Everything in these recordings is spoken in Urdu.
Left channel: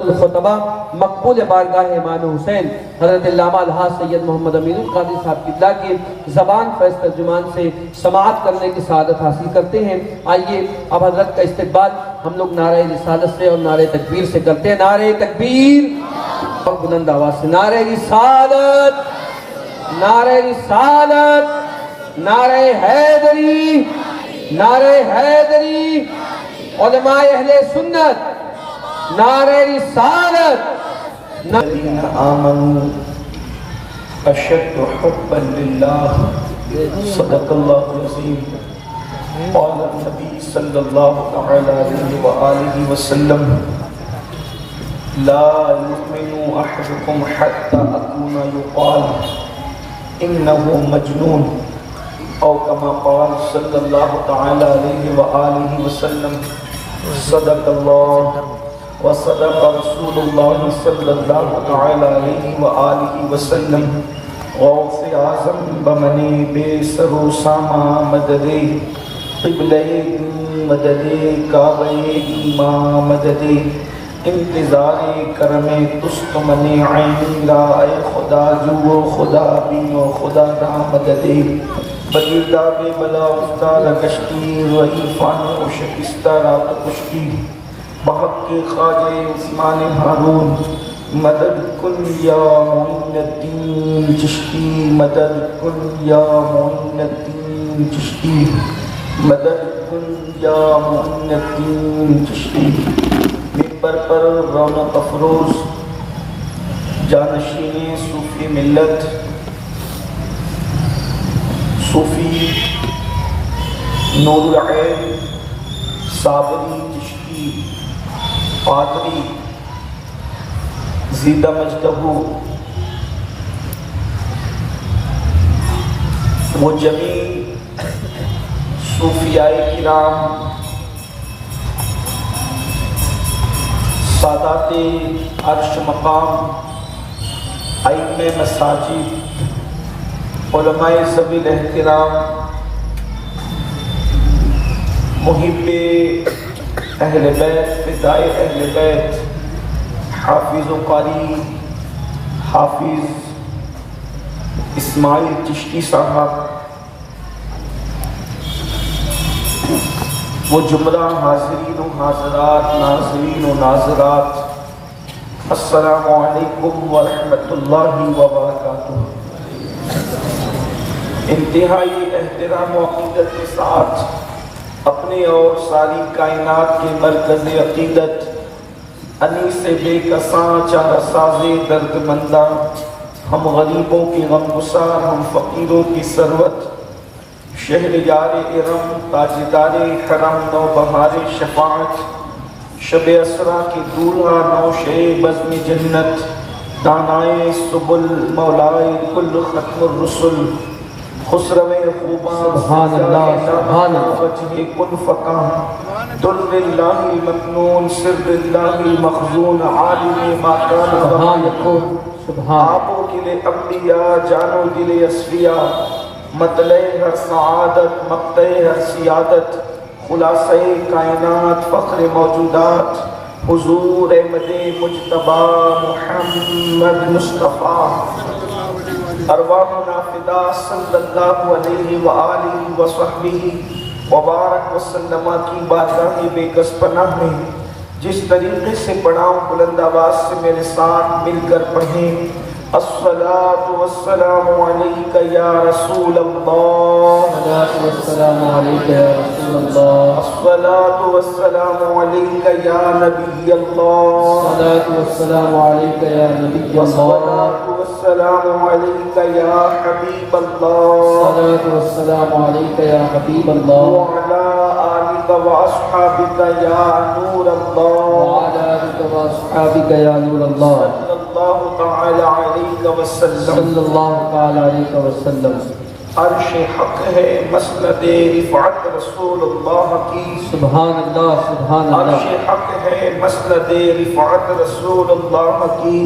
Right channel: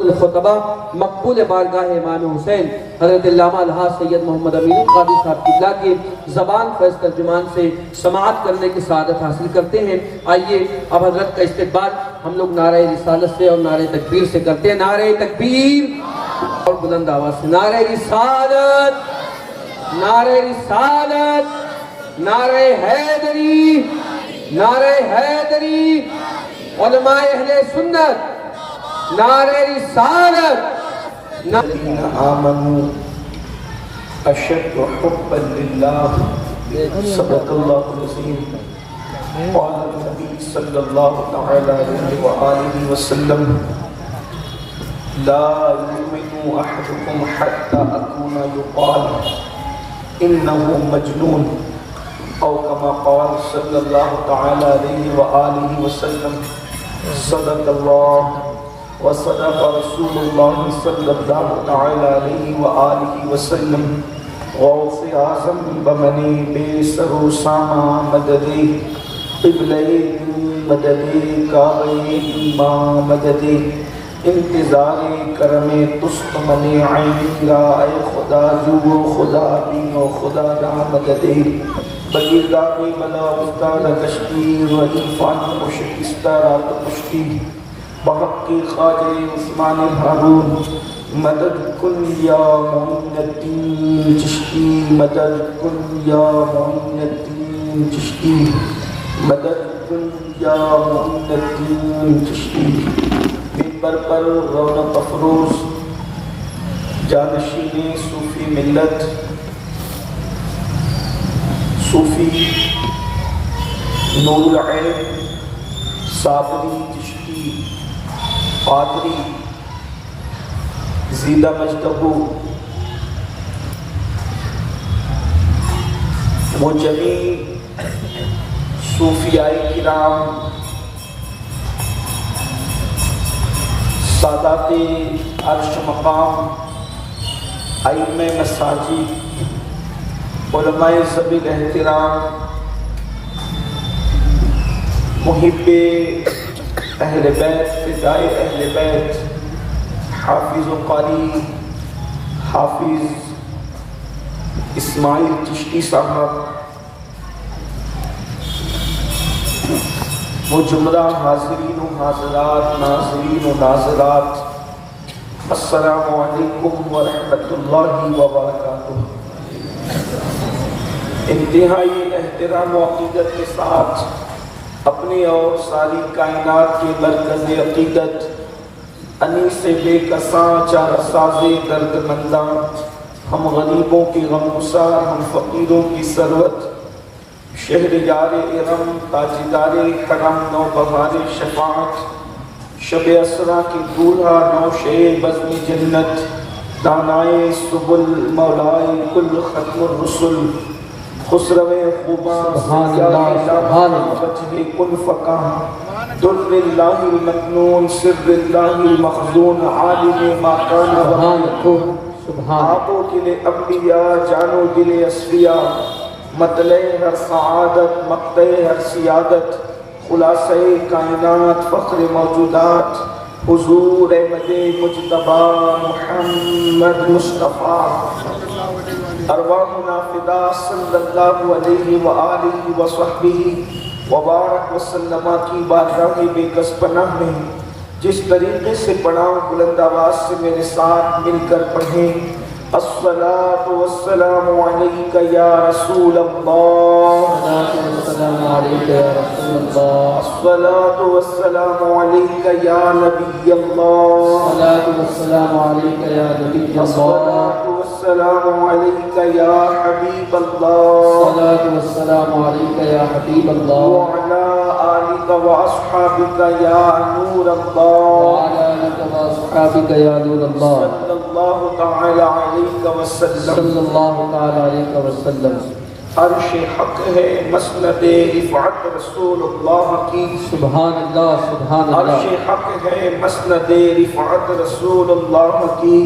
الخطبہ مقبول بارگاہ امام حسین حضرت علامہ الحاج سید محمد امین القادری صاحب قبلہ کی زبان فیض ترجمان سے سماعت کرنے کی سعادت حاصل کرتے ہیں۔ آئیے اب حضرت کا استقبال ہم لوگ نعرہ رسالت سے اور نعرہ تکبیر سے کرتے ہیں۔ نعرہ تکبیر اور بلند آواز سے نعرہ رسالت، نعرہ رسالت، نعرہ حیدری، نعرہ حیدری، علماء اہل سنت، نعرہ رسالت۔ الذین آمنوا اشد حبا للہ، صدق اللہ العظیم۔ قال النبی صلی اللہ تعالی علیہ وآلہ وسلم لا یؤمن احدکم حتی اکون یقال انہ مجنون، او کما قال صلی اللہ تعالی علیہ وآلہ وسلم۔ صدق اللہ وصدق رسول اللہ صلی اللہ تعالی علیہ وآلہ وسلم۔ غوث اعظم بمنی بے سر و ساما مددے، قبلے مدد کعبہ ایمان مدد، انتظار کرم تست منع را، اے خدا جو خدا بین و خدا را مدد، بگرداب بلا استاد کشتی و ایفان و شکستہ رات کشتی، بحق کے خواجہ عثمان ہارون مدد کن یا معین الدین چشتی، مدد کن یا معین الدین چشتی، مدد کن یا معین الدین چشتی۔ ممبر پر رونق افروز جانشین صوفی ملت، صوفی نور العین صابری چشتی پادری زیدہ مجدہ، وہ جمیع صوفیاء کرام، سادات عرش مقام، ائمہ مساجد، علماء سبیل احترام، محب اہل بیت، فدائے اہل بیت، حافظ و قاری حافظ اسماعیل چشتی صاحب، وہ جملہ حاضرین و حاضرات، ناظرین و ناظرات، السلام علیکم ورحمۃ اللہ وبرکاتہ۔ انتہائی احترام و عقیدت کے ساتھ اپنے اور ساری کائنات کے مرکز عقیدت، انیس بے کساں چار ساز درد منداں، ہم غریبوں کی غمگسار، ہم فقیروں کی ثروت، شہر یار ارم، تاجدار حرم، نو بہار شفاعت، شب اسرا کی دولہا، نوشے بزم جنت، دانائے سبل، مولائے کل ختم الرسل، خسرو خوبان، سبحان اللہ، سبحان اللہ، وجہ کن فقاہ، در اللہ المکنون، سر اللہ المخزون، عالم ما کان سبحان ربکم، سبحان آبوں کے لئے انبیاء، جانوں کے لئے اسفیاء، مطلع ہر سعادت، مقطع ہر سیادت، خلاصہ کائنات، فخر موجودات، حضور احمد مجتبی محمد مصطفیٰ، ارواحنا فدا صلی اللہ علیہ وآلہ وصحبہ وبارک وسلم کی بارگاہ بے کس پناہ میں جس طریقے سے پڑھاؤں بلند آواز سے میرے ساتھ مل کر پڑھیں۔ الصلاة والسلام علیک یا رسول اللہ، السلام علیکم یا رسول اللہ، الصلاة والسلام علیک یا نبی اللہ، السلام علیکم یا نبی اللہ، السلام علیک یا حبیب اللہ، السلام علیکم یا حبیب اللہ، وعلی آلک و اصحابک یا نور اللہ، وعلی آلک و اصحابک یا نور اللہ، صلی اللہ تعالی علیہ وسلم۔ صلی اللہ تعالی علیہ وسلم۔ عرش حق ہے مسند رفعت رسول اللہ کی، سبحان اللہ، سبحان عرش اللہ، حق ہے مسند رفعت رسول اللہ کی،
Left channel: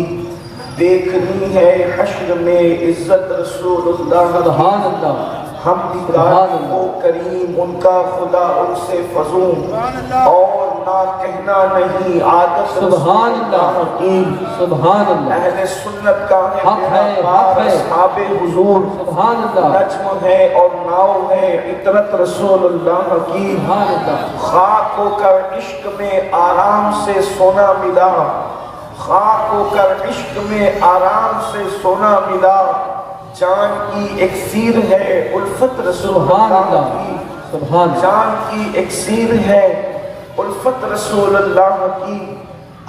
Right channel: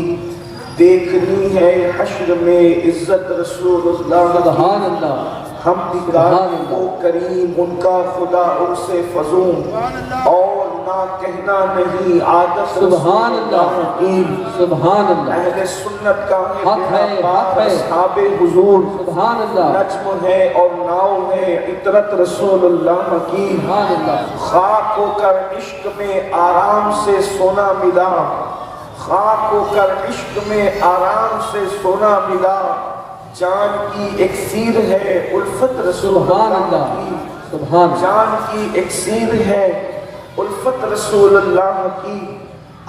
دیکھنی ہے حشر میں عزت رسول اللہ سبحان کی، اللہ، ہم دیدار کو کریم ان کا خدا ان سے فضون، اور نہ کہنا نہیں، عادت سبحان اللہ، کی سبحان اللہ، اہل سنت کا حق ہے، حق ہے، اصحاب حضور سبحان اللہ، نجم ہے اور ناؤ ہے عطرت رسول اللہ کی، سبحان اللہ، خاک ہو کر عشق میں آرام سے سونا ملا، خاک ہو کر عشق میں آرام سے سونا ملا، جان کی ایکسیر ہے الفت رسول اللہ کی، سبحان، جان کی ایکسیر ہے الفت رسول اللہ کی۔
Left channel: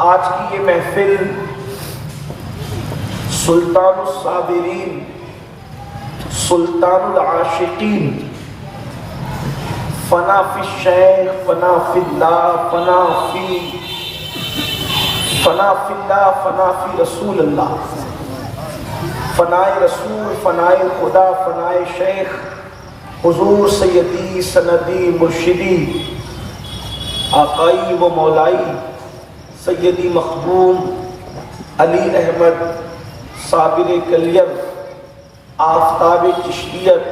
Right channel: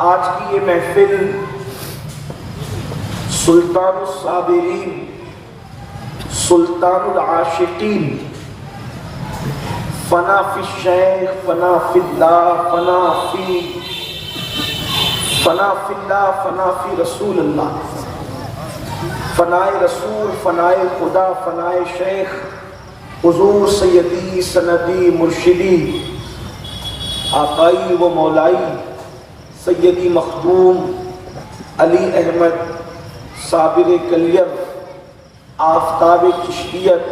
آج کی یہ محفل سلطان الصابرین، سلطان العاشقین، فنا فی الشیخ، فنا فی اللہ، فنا فی اللہ، فنا فی رسول اللہ، فنائے رسول، فنائے خدا، فنائے شیخ حضور سیدی سندی مرشدی آقائی و مولائی سیدی مخدوم علی احمد صابر کلیر، آفتاب چشتیت،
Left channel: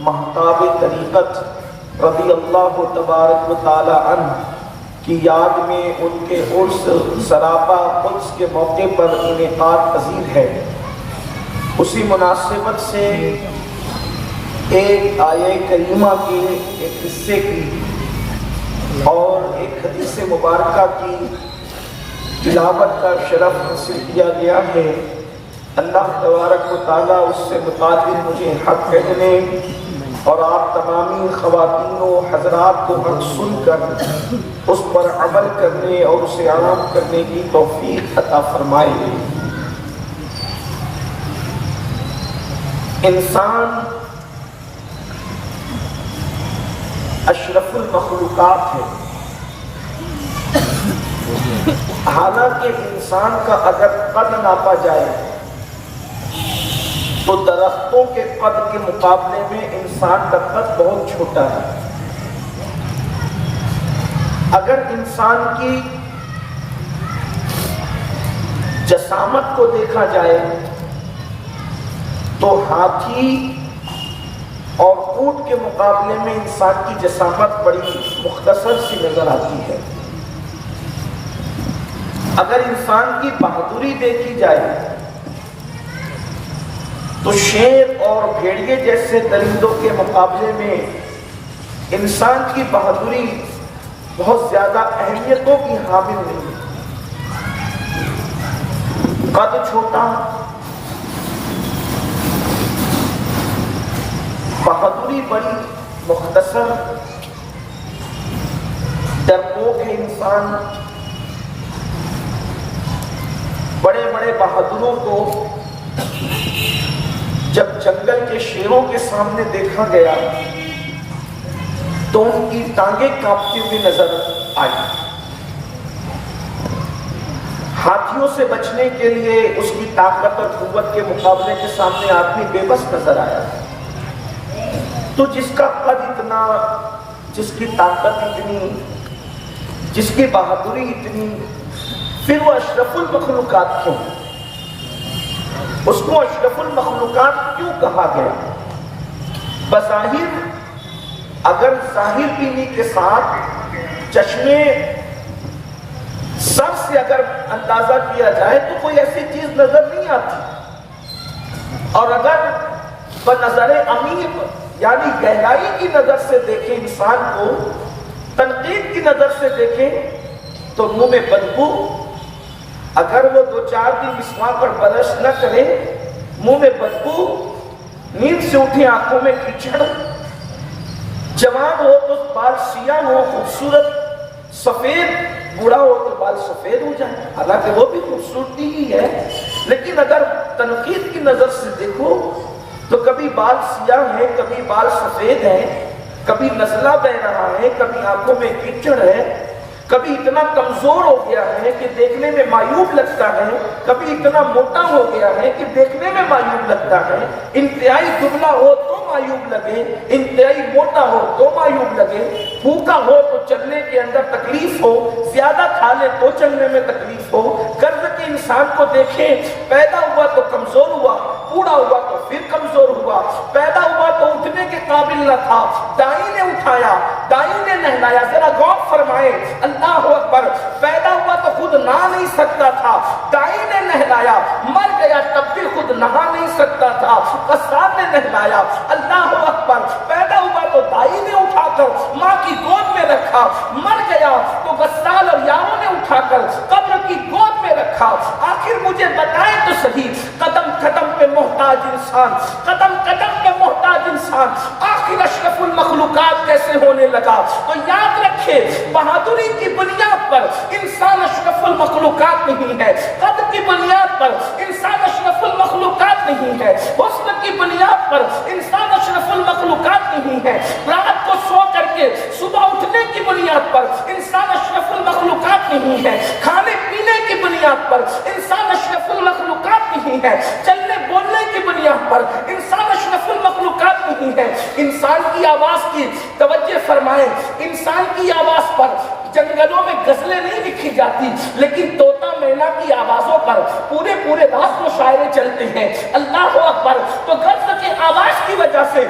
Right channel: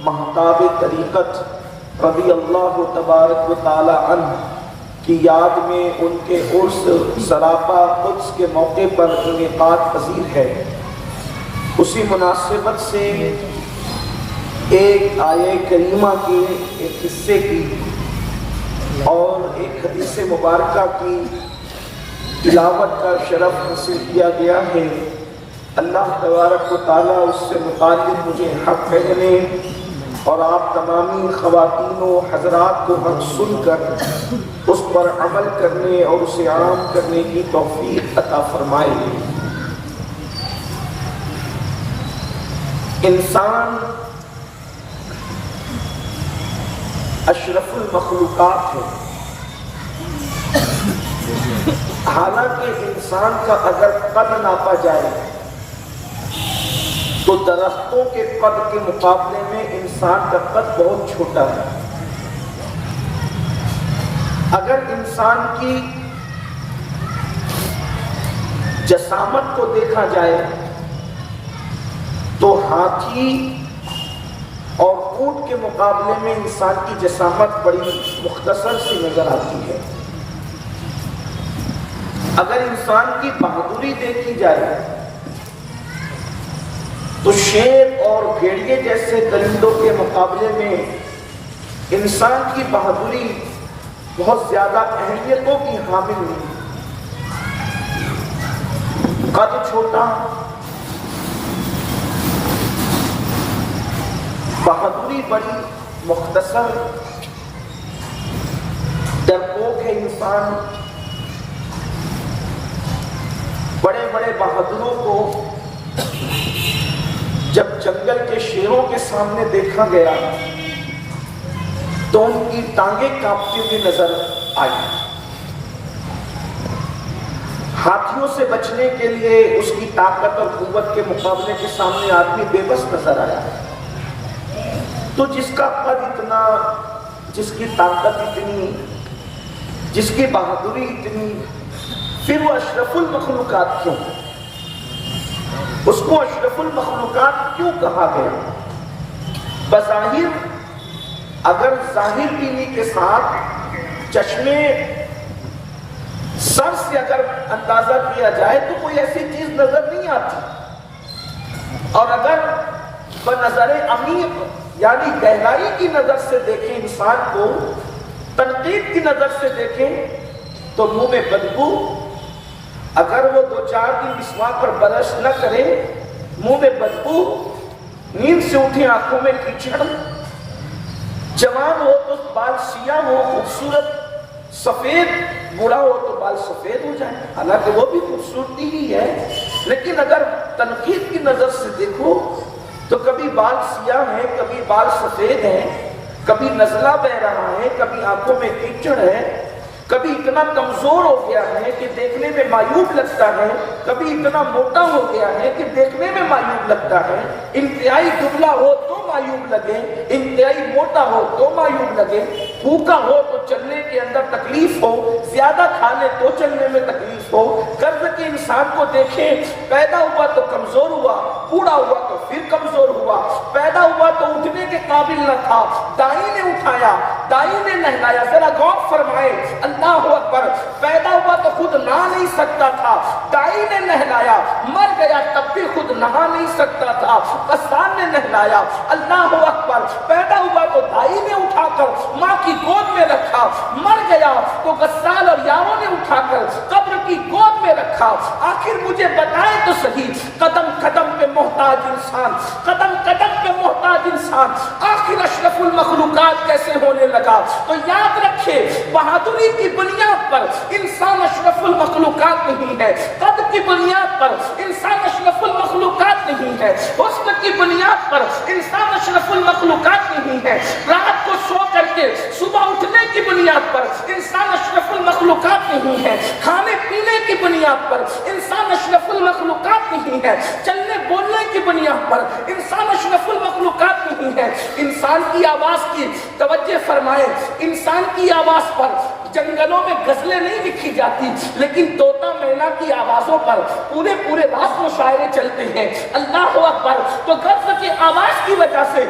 مہتاب طریقت رضی اللہ تبارک و تعالی عنہ کی یاد میں ان کے عرس سراپا قدس کے موقع پر انعقاد پذیر ہے۔ اسی مناسبت سے ایک آیہ کریمہ کے ایک حصے کی اور ایک حدیث مبارکہ کی تلاوت کا شرف حاصل کیا گیا ہے۔ اللہ تبارک و تعالیٰ اس سے متعلق مجھے حق کہنے اور آپ تمامی خواتین و حضرات کو حق سن کر اس پر عمل کرنے اور اسے عام کرنے کی توفیق عطا فرمائے۔ انسان اشرف المخلوقات ہے، حالانکہ انسان کا اگر قد ناپا جائے تو درختوں کے قد کے مقابلے میں انسان کا قد بہت چھوٹا ہے۔ اگر انسان کی جسامت کو دیکھا جائے تو ہاتھی اور اونٹ کے مقابلے میں انسان کی جسامت بڑی مختصر سی نظر آتی ہے۔ اگر انسان کی بہادری دیکھی جائے تو شیر اور بھیڑیے جیسے درندوں کے مقابلے میں انسان کی بہادری بہت زیادہ اہمیتوں کی حامل نہیں۔ قد چھوٹا، بہادری بڑی مختصر، ڈرپوک ہے انسان۔ بڑے بڑے بہادروں کو جب جنگل کے شیروں کے سامنے دیکھا گیا تو ان کی ٹانگیں کانپتی ہوئی نظر آئی۔ ہاتھیوں سے بچنے کے لیے اس کی طاقت اور قوت کے مقابلے کے سامنے آدمی بے بس نظر آیا۔ تو جس کا قد اتنا، جس کی طاقت اتنی، جس کی بہادری اتنی، پھر وہ اشرف المخلوقات کیوں؟ اس کو اشرف المخلوقات کیوں کہا گیا؟ بظاہر اگر ظاہر بینی کے ساتھ چشمے سر سے اگر اندازہ کیا جائے تو کوئی ایسی چیز نظر نہیں آتی، اور اگر بنظر عمیق یعنی گہرائی کی نظر سے دیکھیں، انسان کو تنقید کی نظر سے دیکھیں تو منہ میں بدبو، اگر وہ 2-4 دن مسواک اور برش نہ کرے منہ میں بدبو، نیند سے اٹھے آنکھوں میں کیچڑ، جوان ہو تو بال سیاہ ہو، خوبصورت سفید، بوڑھا ہو تو بال سفید ہو جائے، حالانکہ وہ بھی خوبصورتی ہی ہے، لیکن اگر تنقید کی نظر سے دیکھو تو کبھی بال سیاہ ہے، کبھی بال سفید ہے، کبھی نزلہ بہ رہا ہے، کبھی آنکھوں میں کیچڑ ہے، کبھی اتنا کمزور ہو گیا ہے کہ دیکھنے میں معیوب لگتا ہے، کبھی اتنا موٹا ہو گیا ہے کہ دیکھنے میں معیوب لگتا ہے، انتہائی دبلا ہو تو معیوب لگے، انتہائی موٹا ہو تو معیوب لگے، بھوکا ہو تو چلنے کے اندر تکلیف ہو، زیادہ کھا لے تو چلنے میں تکلیف ہو، قرض کے انسان کو دیکھیں، پیدا ہوا تو کمزور ہوا، بوڑھا ہوا تو پھر کمزور ہوا، پیدا ہوا تو اٹھنے کے قابل نہ تھا، دائی نے اٹھایا، دائی نے نہلایا۔ ذرا غور فرمائے، اللہ اکبر، پیدا ہوا تو خود نہا نہیں سکتا تھا، دائی نے نہلایا، مر گیا تب بھی خود نہا نہیں سکتا تھا، غسان نے نہلایا۔ اللہ اکبر، پیدا ہوا تو دائی نے اٹھا کر ماں کی گود میں رکھا، مر گیا تو غسان اور یاروں نے اٹھا کر قبر کی گود میں رکھا۔ آخر مجھے بتائیں تو صحیح، قدم قدم پہ محتاج انسان، قدم قدم پہ محتاج انسان، آخر اشرف المخلوقات کیسے ہونے لگا؟ تو یاد رکھے، بہادری کی بنیاد پر انسان اشرف المخلوقات نہیں ہے، قد کی بنیاد پر انسان اشرف المخلوقات نہیں ہے، حسن کی بنیاد پر انسان اشرف المخلوقات نہیں ہے، رات کو سو کر کے صبح اٹھنے کی بنیاد پر انسان اشرف المخلوقات نہیں ہے، کھانے پینے کی بنیاد پر انسان اشرف المخلوقات نہیں ہے، چلنے بولنے کی بنیاد پر انسان اشرف المخلوقات نہیں ہے۔ انسان کی آواز کی توجہ فرمائیں، انسان کی آواز پر جنگلوں میں غزلیں نہیں لکھی جاتی، لیکن طوطا مینا کی آوازوں پر پورے رات مشاعرے چلتے ہیں۔ اللہ اکبر، تو غزل کی آواز کی وجہ سے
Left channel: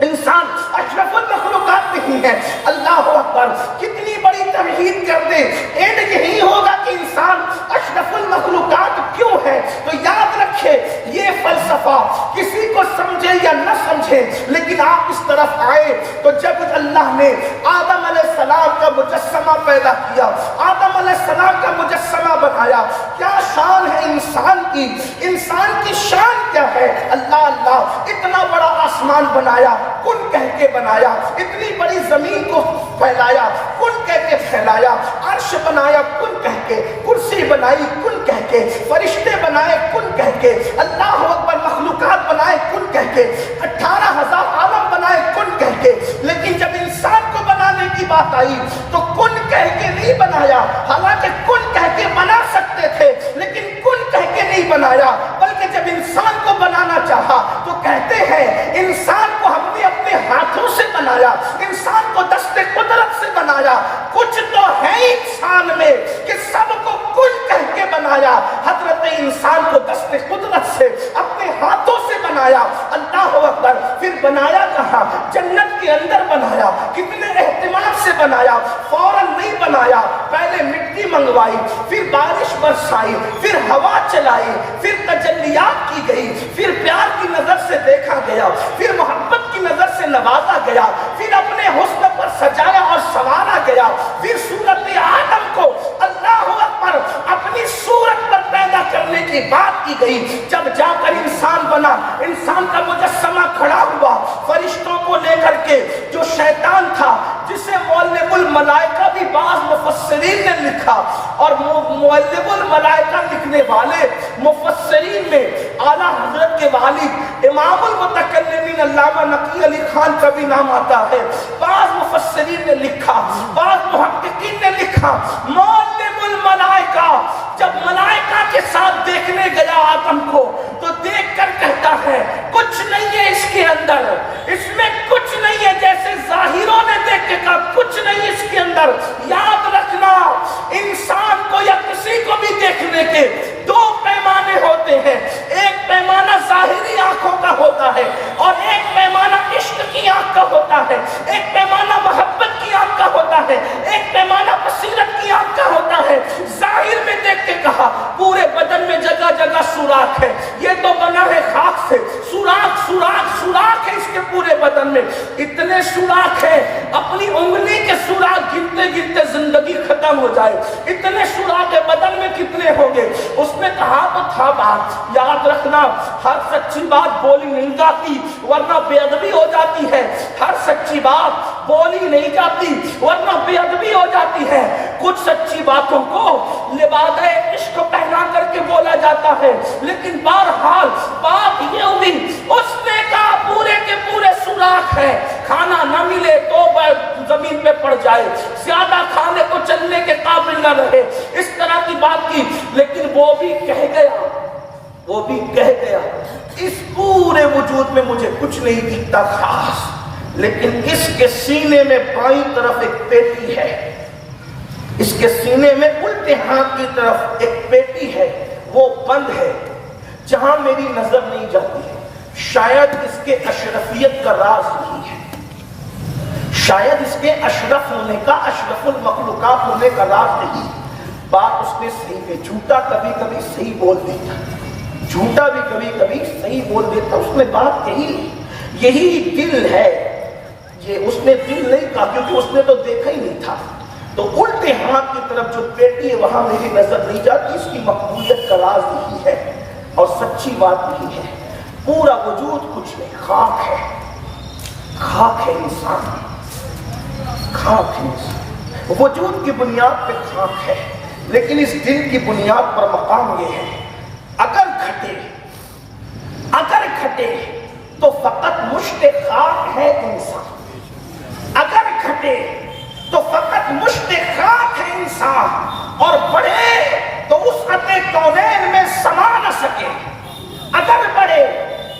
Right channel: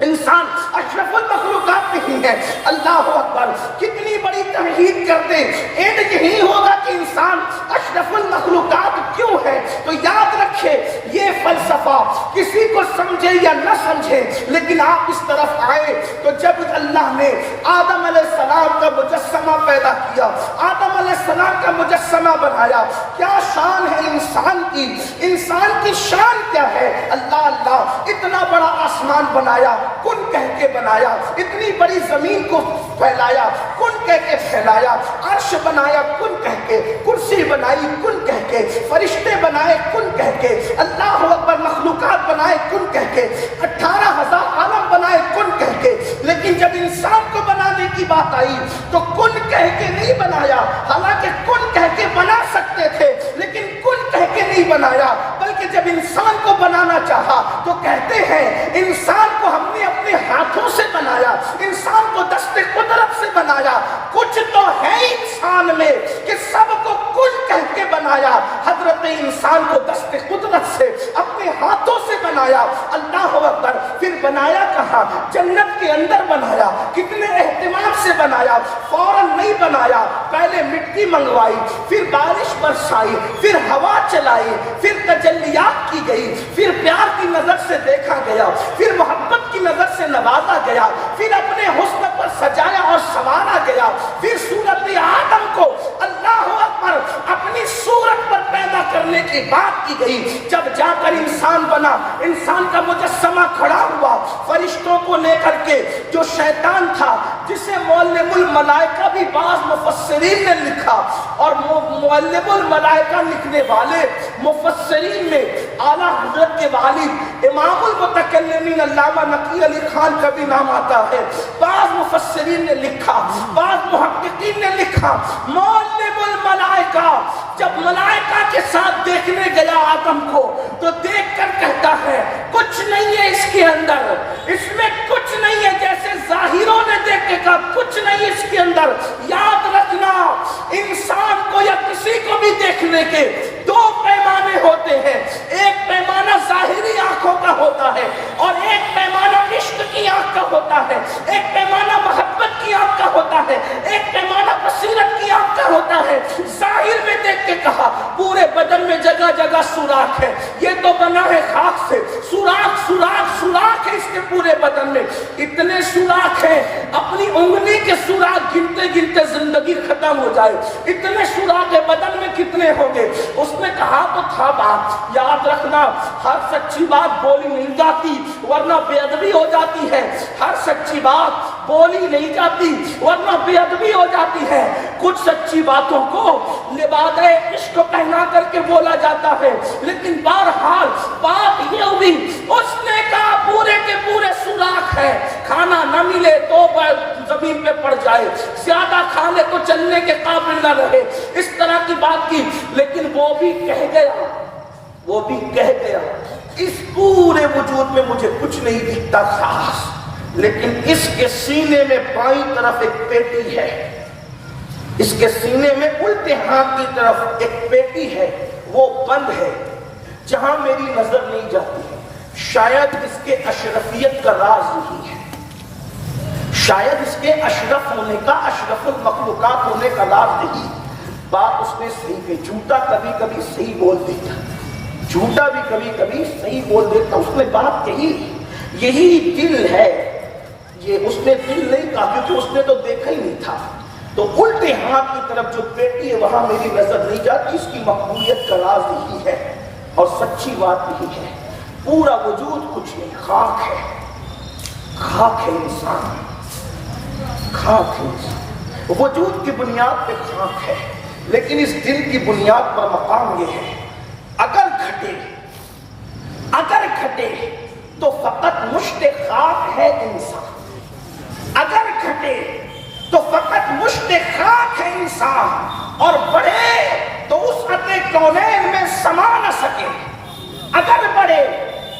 انسان اشرف المخلوقات نہیں ہے۔ اللہ اکبر، کتنی بڑی تمہید کر دیں، اینڈ یہی ہوگا کہ انسان اشرف المخلوقات کیوں ہے۔ تو یاد رکھے، یہ فلسفہ کسی کو سمجھے یا نہ سمجھے، لیکن آپ اس طرف آئے تو جب اللہ نے آدم علیہ السلام کا مجسمہ پیدا کیا، آدم علیہ السلام کا مجسمہ بنایا، کیا شان ہے انسان کی، انسان کی شان کیا ہے۔ اللہ اللہ، اتنا بڑا آسمان بنایا، کن کہہ کے بنایا، اتنی بڑی زمین کو پھیلایا، کن کہہ کے پھیلایا، عرش بنایا کن کہہ کے، کرسی بنائی کن کہہ کے، فرشتے بنائے کن کہہ کے، اللہ اکبر، مخلوقات بنائے کن کہہ کے، 18,000 عالم بنائے کن کہہ کے، لیکن جب انسان کو بنانے کی بات آئی تو کن کہہ کے نہیں بنایا، حالانکہ کن کہہ کے بنا سکتے تھے، لیکن کن کہہ کے نہیں بنایا، بلکہ جب انسان کو بنانا چاہا تو کہتے ہیں انسان کو ہم نے اپنے ہاتھوں سے بنایا، انسان کو دست قدرت سے بنایا۔ کچھ تو ہے انسان میں کہ سب کو کن کہہ کے بنایا، حضرت انسان کو دست قدرت سے اپنے ہاتھوں سے بنایا۔ اللہ اکبر، پھر بنایا کہاں؟ جنت کے اندر بنایا، کتنے اہتمام سے بنایا، فوراً نہیں بنایا، پہلے مٹی منگوائی، پھر بارش برسائی، پھر ہوا چلائی، پھر تجلیات کی گئی، پھر پیار کی نظر سے دیکھا گیا، پھر محبت کی نظر سے نوازا گیا، پھر اپنے حسن پر سجایا اور سنوارا گیا، پھر صورت آدم کو اللہ اکبر اپنی صورت پر پیدا کرنے کی بات کی گئی۔ جب جا کر انسان بنا، انسان کا مجسمہ کھڑا ہوا، فرشتوں کو لے کر کے، جو شیطان تھا جسے معلم الملائکہ بھی بعض مفسرین نے لکھا، اور معلم الملائکہ لکھنے والے مفسرین میں اعلیٰ حضرت کے والد امام المتکلمین علامہ نقی علی خان کا بھی نام آتا ہے، بعض مفسرین نے لکھا، بعض محققین نے لکھا، معلم الملائکہ جب ملائکہ کے ساتھ دیکھنے گیا آدم کو تو دیکھ کر کہتا ہے کچھ نہیں ہے اس کے اندر، اس میں کچھ نہیں ہے، جیسے ظاہروں نے دیکھ کے کہا کچھ نہیں اس کے اندر۔ یاد رکھنا، انسان کو یا کسی کو بھی دیکھنے کے دو پیمانے ہوتے ہیں، ایک پیمانہ ظاہری آنکھوں کا ہوتا ہے اور ایک پیمانہ عشق کی آنکھ کا ہوتا ہے، ایک پیمانہ محبت کی آنکھ کا ہوتا ہے، ایک پیمانہ بصیرت کی آنکھ کا ہوتا ہے۔ ظاہر میں دیکھ کے کہا پورے بدن میں جگہ جگہ سوراخ ہے، یہ تو بنا ہے خاک سے، سوراخ سوراخ سوراخ ہے اس کے پورے بدن میں، اتنے سوراخ ہیں اپنی انگلی کے سوراخ گنتے گنتے زندگی ختم ہو جائے، اتنے سوراخ ہے، بدن میں کتنے ہوں گے؟ اس نے کہا تو تھا بات، یاد رکھنا ہر سچی بات بولی نہیں جاتی ورنہ بے ادبی ہو جاتی ہے، ہر سچی بات بولی نہیں جاتی ورنہ بے ادبی ہو جاتی ہے، کچھ سچی باتوں کو لباس عشق پہنا کر کے بولا جاتا ہے، لیکن بہرحال بات یہ ہوئی، اس نے کہا پورے کے پورے سوراخ ہے، کھانا نہ ملے تو زمین پہ پڑ جائے، زیادہ کھانے کو چلنے کے قابل نہ رہے، اس طرح کی بات کی، لیکن وہ بھی کہہ گیا اس پورے وجود میں مجھے کچھ نہیں دکھتا خاص، لیکن اس کے سینے میں بائیں طرف ایک پیٹی ہے، اس کے سینے میں الٹے ہاتھ کی طرف ایک پیٹی ہے، وہ بند ہے، جہاں میری نظر نہیں جاتی ہے، شاید اس کے اشرفیت کا راز یہی ہے، شاید اس کے اشرف ہونے کا، اشرف المخلوقات ہونے کا راز یہی ہے۔ بات اس نے صحیح ہے، جھوٹا کبھی کبھی صحیح بول دیتا، جھوٹا بھی کبھی کبھی صحیح بول دیتا۔ اس نے بات کہی، یہی دل ہے، یہ اس نے دل نہیں کہا کیونکہ اس نے تو دیکھا ہی نہیں تھا، تو الٹے ہاتھ کی طرف جو پیٹی ہے وہاں میری نظر نہیں جاتی۔ اس کی مقبولیت کا راز یہی ہے اور سچی بات یہی ہے، پورا وجود کچھ نہیں، خاک ہے، خاک ہے انسان، خاک ہے انسان، وجود کی بنیاد پہ خاک ہے، لیکن اس دل کی بنیاد پر مقام یہ ہے، اگر گھٹے تو فقط مشت خاک ہے انسان، اگر گھٹے تو فقط مشت خاک ہے انسان، اور بڑھے تو وسعت کونین میں سما نہ سکے، اگر بڑھے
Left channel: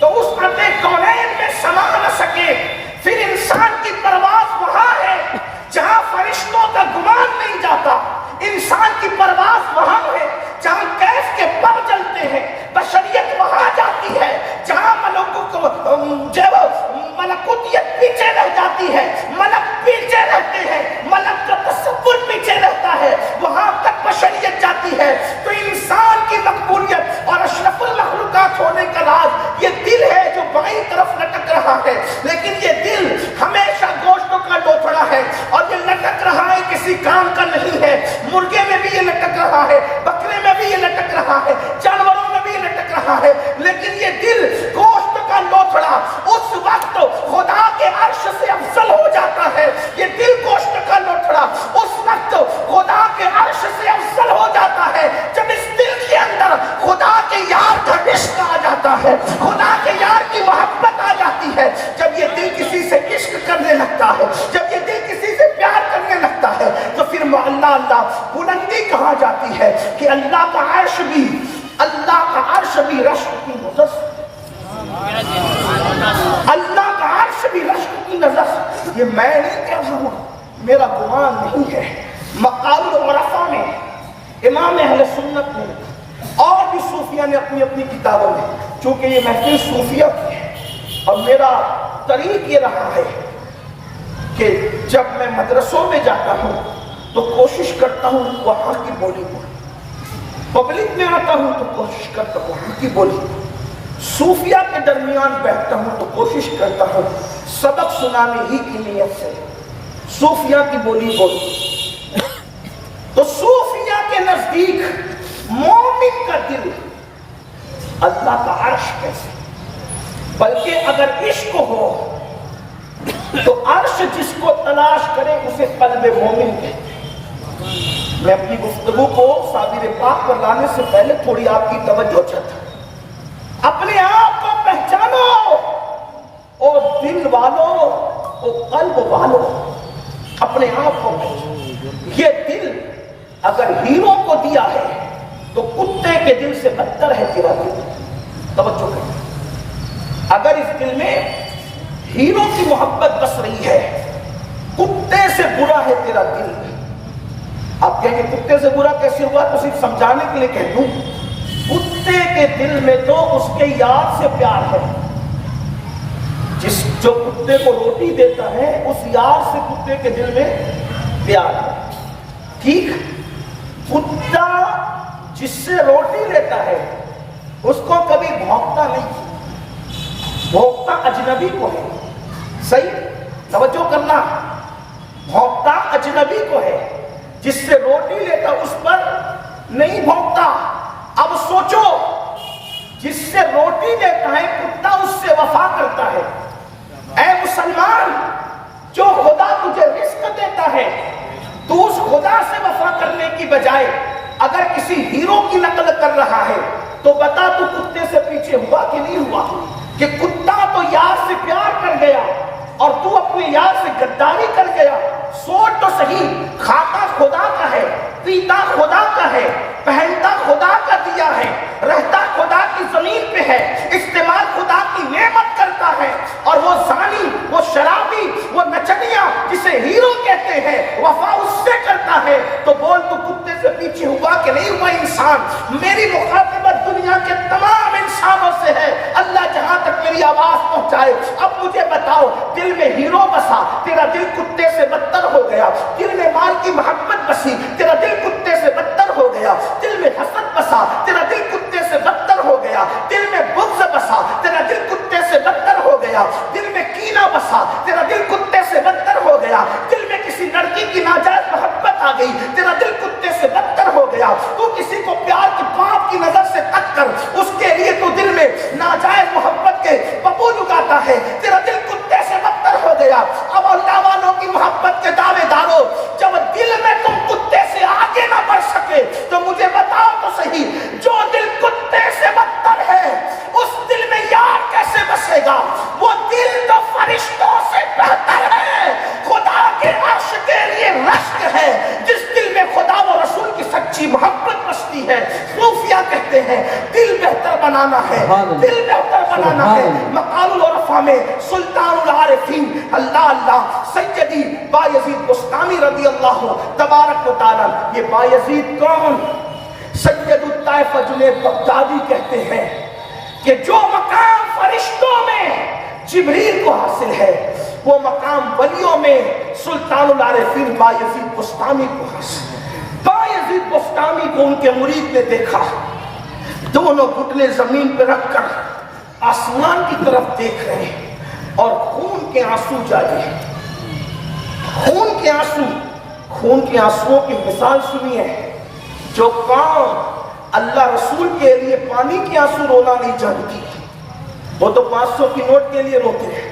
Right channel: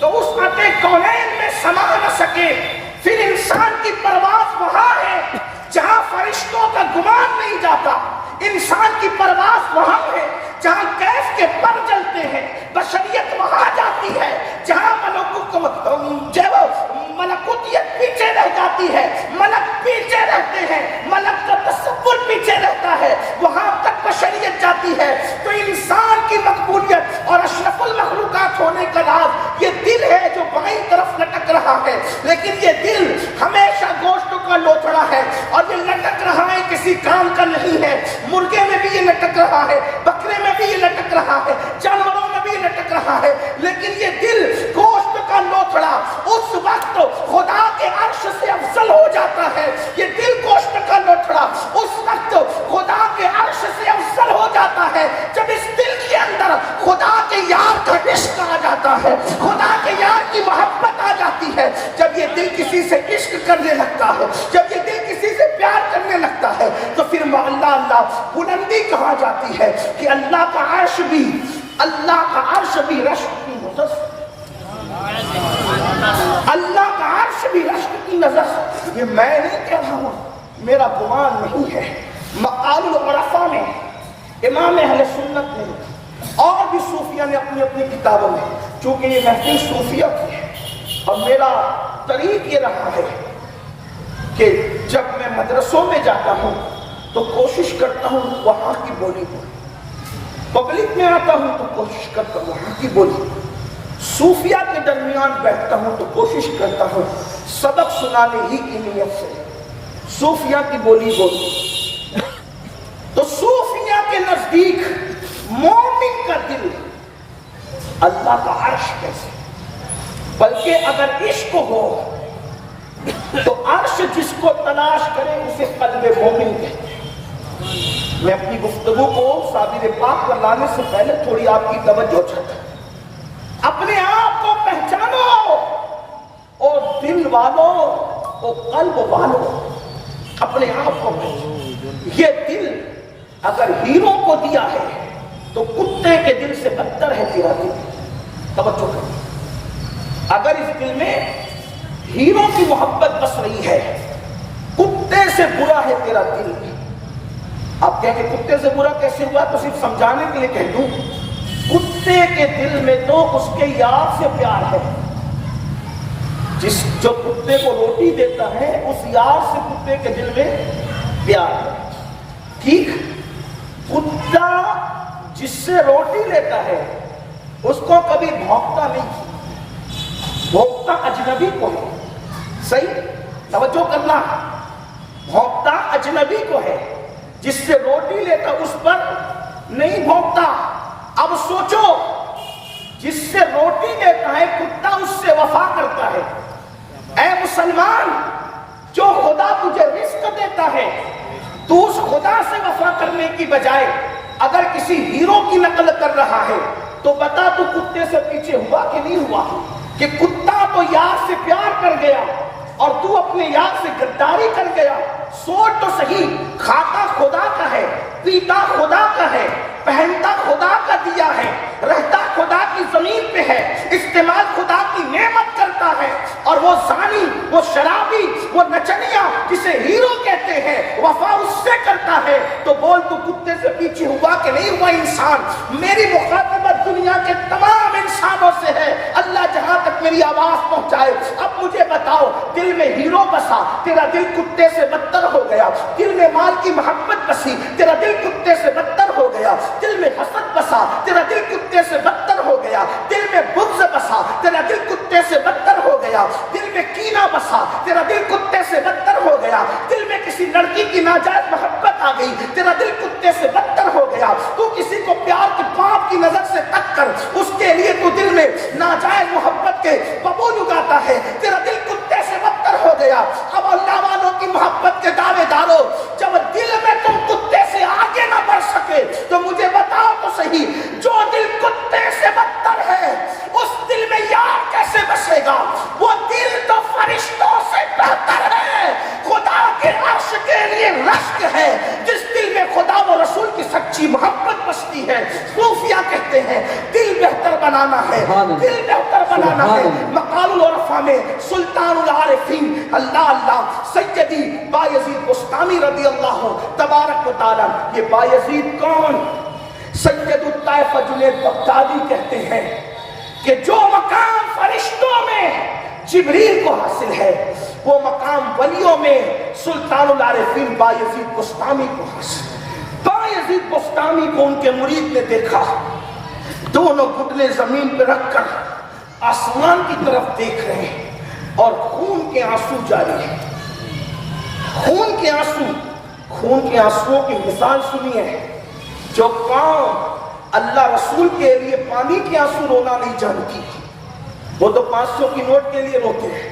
تو وسعت کونین میں سما نہ سکے، پھر انسان کی پرواز وہاں ہے جہاں فرشتوں کا گمان نہیں جاتا، انسان کی پرواز وہاں ہے جہاں کیف کے پر جلتے ہیں، بشریت وہاں جاتی ہے جہاں ملکوتیت پیچھے رہ جاتی ہے، ملک پیچھے رہتے ہیں، ملک کا تصور پیچھے رہتا ہے، وہاں تک بشریت جاتی ہے۔ تو انسان کی مقبولیت اور اشرف المخلوقات ہونے کا راز یہ دل ہے جو بائیں طرف لٹک رہا ہے، لیکن یہ دل ہمیشہ گوشتوں کا لوتھڑا ہے اور یہ لٹک رہا ہے، کسی کام کا نہیں ہے۔ مرغے میں بھی یہ لٹک رہا ہے، بکرے میں بھی یہ لٹک رہا ہے، جانوروں میں بھی یہ لٹک رہا ہے، لیکن یہ دل گوشت کا لوتھڑا اس وقت خدا کے عرش سے افضل ہو جاتا ہے، یہ دل گوشت کا لوتھڑا اس وقت خدا کے عرش سے افضل ہو جاتا ہے جب اس دل کے اندر خدا کے یار کا عشق آ جاتا ہے، خدا کے یار کی محبت آ جاتی ہے۔ جب یہ دل کسی سے عشق کرنے لگتا ہے، جب یہ دل کسی سے پیار کرنے لگتا ہے، تو پھر اللہ اللہ بلندی کہا جاتی ہے کہ اللہ کا عرش بھی رشک کی نظر سے، اللہ کا عرش بھی رشک کی نظر سے۔ یہ میں نہیں کہہ رہا ہوں، میرا گمان نہیں ہے، مقال العرفاء میں امام اہل سنت نے اور بھی صوفیہ نے اپنی اپنی کتابوں میں، چونکہ یہ محفل صوفیہ کی ہے اور میرا طریق یہ رہا ہے کہ جب میں مدرسوں میں جاتا ہوں تو کوشش کرتا ہوں وہاں کی بولی کو، پبلک میں آتا ہوں تو کوشش کرتا ہوں وہاں کی بولی، صوفیہ کے درمیان بیٹھتا ہوں تو کوشش کرتا ہوں سبق سنانے ہی کی نیت سے صوفیہ کی بولی بولوں۔ تو صوفیہ کے نزدیک مومن کا دل اللہ کا عرش کیسے، بلکہ اگر عشق ہو تو عرش جس کو تلاش کرے اسے قلب مومن کہتے ہیں۔ میں اپنی گفتگو کو صابر پاک پر لانے سے پہلے تھوڑی آپ کی توجہ چاہتا ہوں۔ اپنے آپ کو پہچانو، اور دل والو اور قلب والو، اپنے آپ کو پہچانو۔ یہ دل اگر ہیرو کو دیا ہے تو کتے کے دل سے بدتر ہے تیرا دل، توجہ کرو۔ اگر اس دل میں ہیرو کی محبت بس رہی ہے، کتے سے برا ہے تیرا دل۔ آپ کہیں کہ کتے سے برا کیسے ہوا؟ تو صرف سمجھانے کے لیے کہہ دوں، کتے کے دل میں تو اس کے یار سے پیار ہے، جو کتے کو روٹی دیتا ہے اس یار سے کتے کے دل میں پیار ہے۔ ٹھیک، کتا جس سے روٹی لیتا ہے اس کو کبھی بھونکتا نہیں، بھونکتا اجنبی کو ہے۔ صحیح توجہ کرنا، بھونکتا اجنبی کو ہے، جس سے روٹی لیتا اس پر نہیں بھونکتا۔ اب سوچو، جس سے روٹی لیتا ہے کتا اس سے وفا کرتا ہے۔ اے مسلمان، جو خدا تجھے رزق دیتا ہے تو اس خدا سے وفا کرنے کی بجائے اگر کسی ہیرو کی نقل کر رہا ہے تو بتا تو کتے سے پیچھے ہوا کہ نہیں ہوا؟ کہ کتا تو یار سے پیار کر گیا اور تو اپنے یار سے غداری کر گیا۔ سوچ تو صحیح، کھاتا خدا کا ہے، پیتا خدا کا ہے، پہنتا خدا کا دیا ہے، رہتا خدا کی زمین پہ ہے، استعمال خدا کی نعمت کرتا ہے، اور وہ زانی، وہ شرابی، وہ نچنیا جسے ہیرو کہتے ہیں وفا اس سے کرتا ہے، تو بول تو کتے سے پیچھے ہوا کہ نہیں ہوا؟ انسان، میری مخاطبت دنیا کے تمام انسانوں سے ہے۔ اللہ جہاں تک میری آواز پہنچائے، اب مجھے بتاؤ، دل میں ہیرو بسا، تیرا دل کتے سے بدتر ہو گیا، دل میں مال کی محبت بسی، تیرا دل کتے سے بدتر ہو گیا، دل میں حسد بسا، تیرا دل کتے سے بدتر ہو گیا، دل میں بغض بسا، تیرا دل کتے سے بدتر ہو گیا، دل میں کینہ بسا، تیرا دل کتے سے بدتر ہو گیا، دل میں کسی لڑکی کی ناجائز محبت آ گئی، تیرا دل کتے سے بدتر ہو گیا، تو کسی کو پیار کی پاپ کی نظر سے تک کر اس کے لیے تو دل میں ناجائز محبت کے ببول اگاتا ہے، تیرا دل کتے سے بدتر ہو گیا۔ اب اللہ والوں کی محبت کے دعوے دارو، جب دل میں تم کتے سے آگے نہ بڑھ سکے تو مجھے بتاؤ تو صحیح، جو دل کتے سے بدتر ہے اس دل میں یار کیسے بسے گا؟ وہ دل تو فرشتوں سے بہتر ہے، خدا کے عرش کے لیے رشک ہے، جس دل میں خدا و رسول کی سچی محبت بستی ہے۔ صوفیہ کہتے ہیں دل بہتر بنانا ہے، دل بہتر بنانا ہے۔ مقال العرفاء میں سلطان العارفین اللہ اللہ سیدی بایزید بستامی رضی اللہ تبارک و تعالی، یہ بایزید کون؟ سید الطائفہ جنید بغدادی کہتے ہیں کہ جو مقام فرشتوں میں جبریل کو حاصل ہے، وہ مقام ولیوں میں سلطان العارفین بایزید بستامی کو حاصل ہے۔ بایزید بستامی کو ان کے مرید نے دیکھا، دونوں گھٹنے زمین پہ رکھ کر آسمان کی طرف دیکھ رہے ہیں اور خون کے آنسو جاری ہیں، خون کے آنسو۔ خون کے آنسوؤں کی مثال سنیے، جو قوم اللہ رسول کے لیے پانی کے آنسو رونا نہیں جانتی، وہ تو 500 کی نوٹ کے لیے روتے ہیں،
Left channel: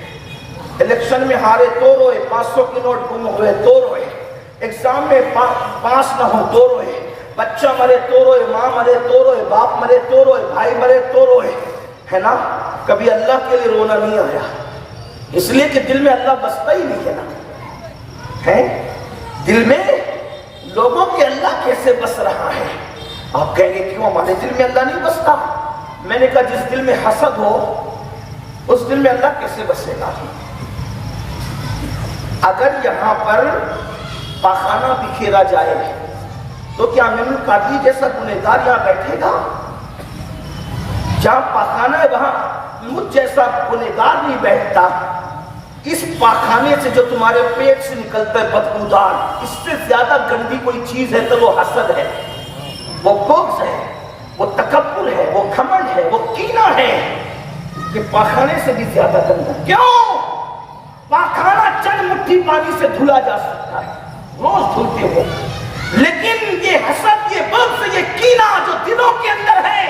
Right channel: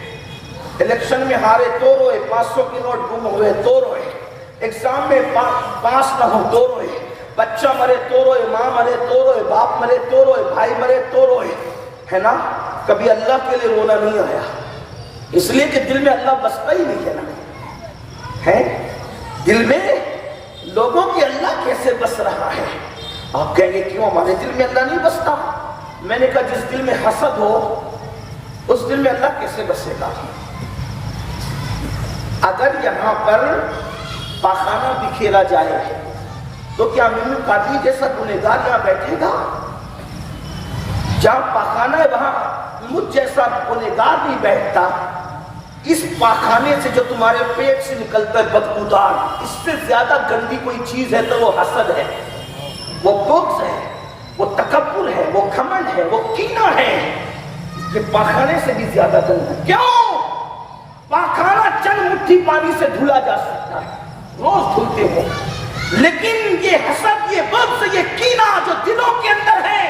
الیکشن میں ہارے تو روئے، 500 کی نوٹ گم ہوئے تو روئے، ایگزام میں پاس نہ ہو تو روئے، بچہ مرے تو روئے، ماں مرے تو روئے، باپ مرے تو روئے، بھائی مرے تو روئے، ہے نا؟ کبھی اللہ کے لیے رونا نہیں آیا، اس لیے کہ دل میں اللہ بستا ہی نہیں ہے نا، ہے دل میں لوگوں کے اللہ کیسے بس رہا ہے؟ آپ کہیں گے کیوں ہمارے دل میں اللہ نہیں بستا؟ میں نے کہا جس دل میں حسد ہو اس دل میں اللہ کیسے بسے گا؟ اگر یہاں پر پاخانہ بکھیرا جائے تو کیا امین القادری جیسا گنہگار یہاں بیٹھے گا؟ جہاں پاخانہ ہے وہاں مجھ جیسا گنہگار نہیں بیٹھتا۔ اس پاخانے سے جو تمہارے پیٹ سے نکلتا ہے بدبودار، اس سے زیادہ گندی کوئی چیز ہے تو وہ حسد ہے، وہ بغض ہے، وہ تکبر ہے، وہ گھمنڈ ہے، وہ کینہ ہے، کہ پاخانے سے بھی زیادہ گندہ۔ کیوں؟ پاخانہ چند مٹھی پانی سے دھلا جا سکتا ہے، روز دھلتے ہو، لیکن یہ حسد، یہ بغض، یہ کینہ جو دلوں کے اندر ہے،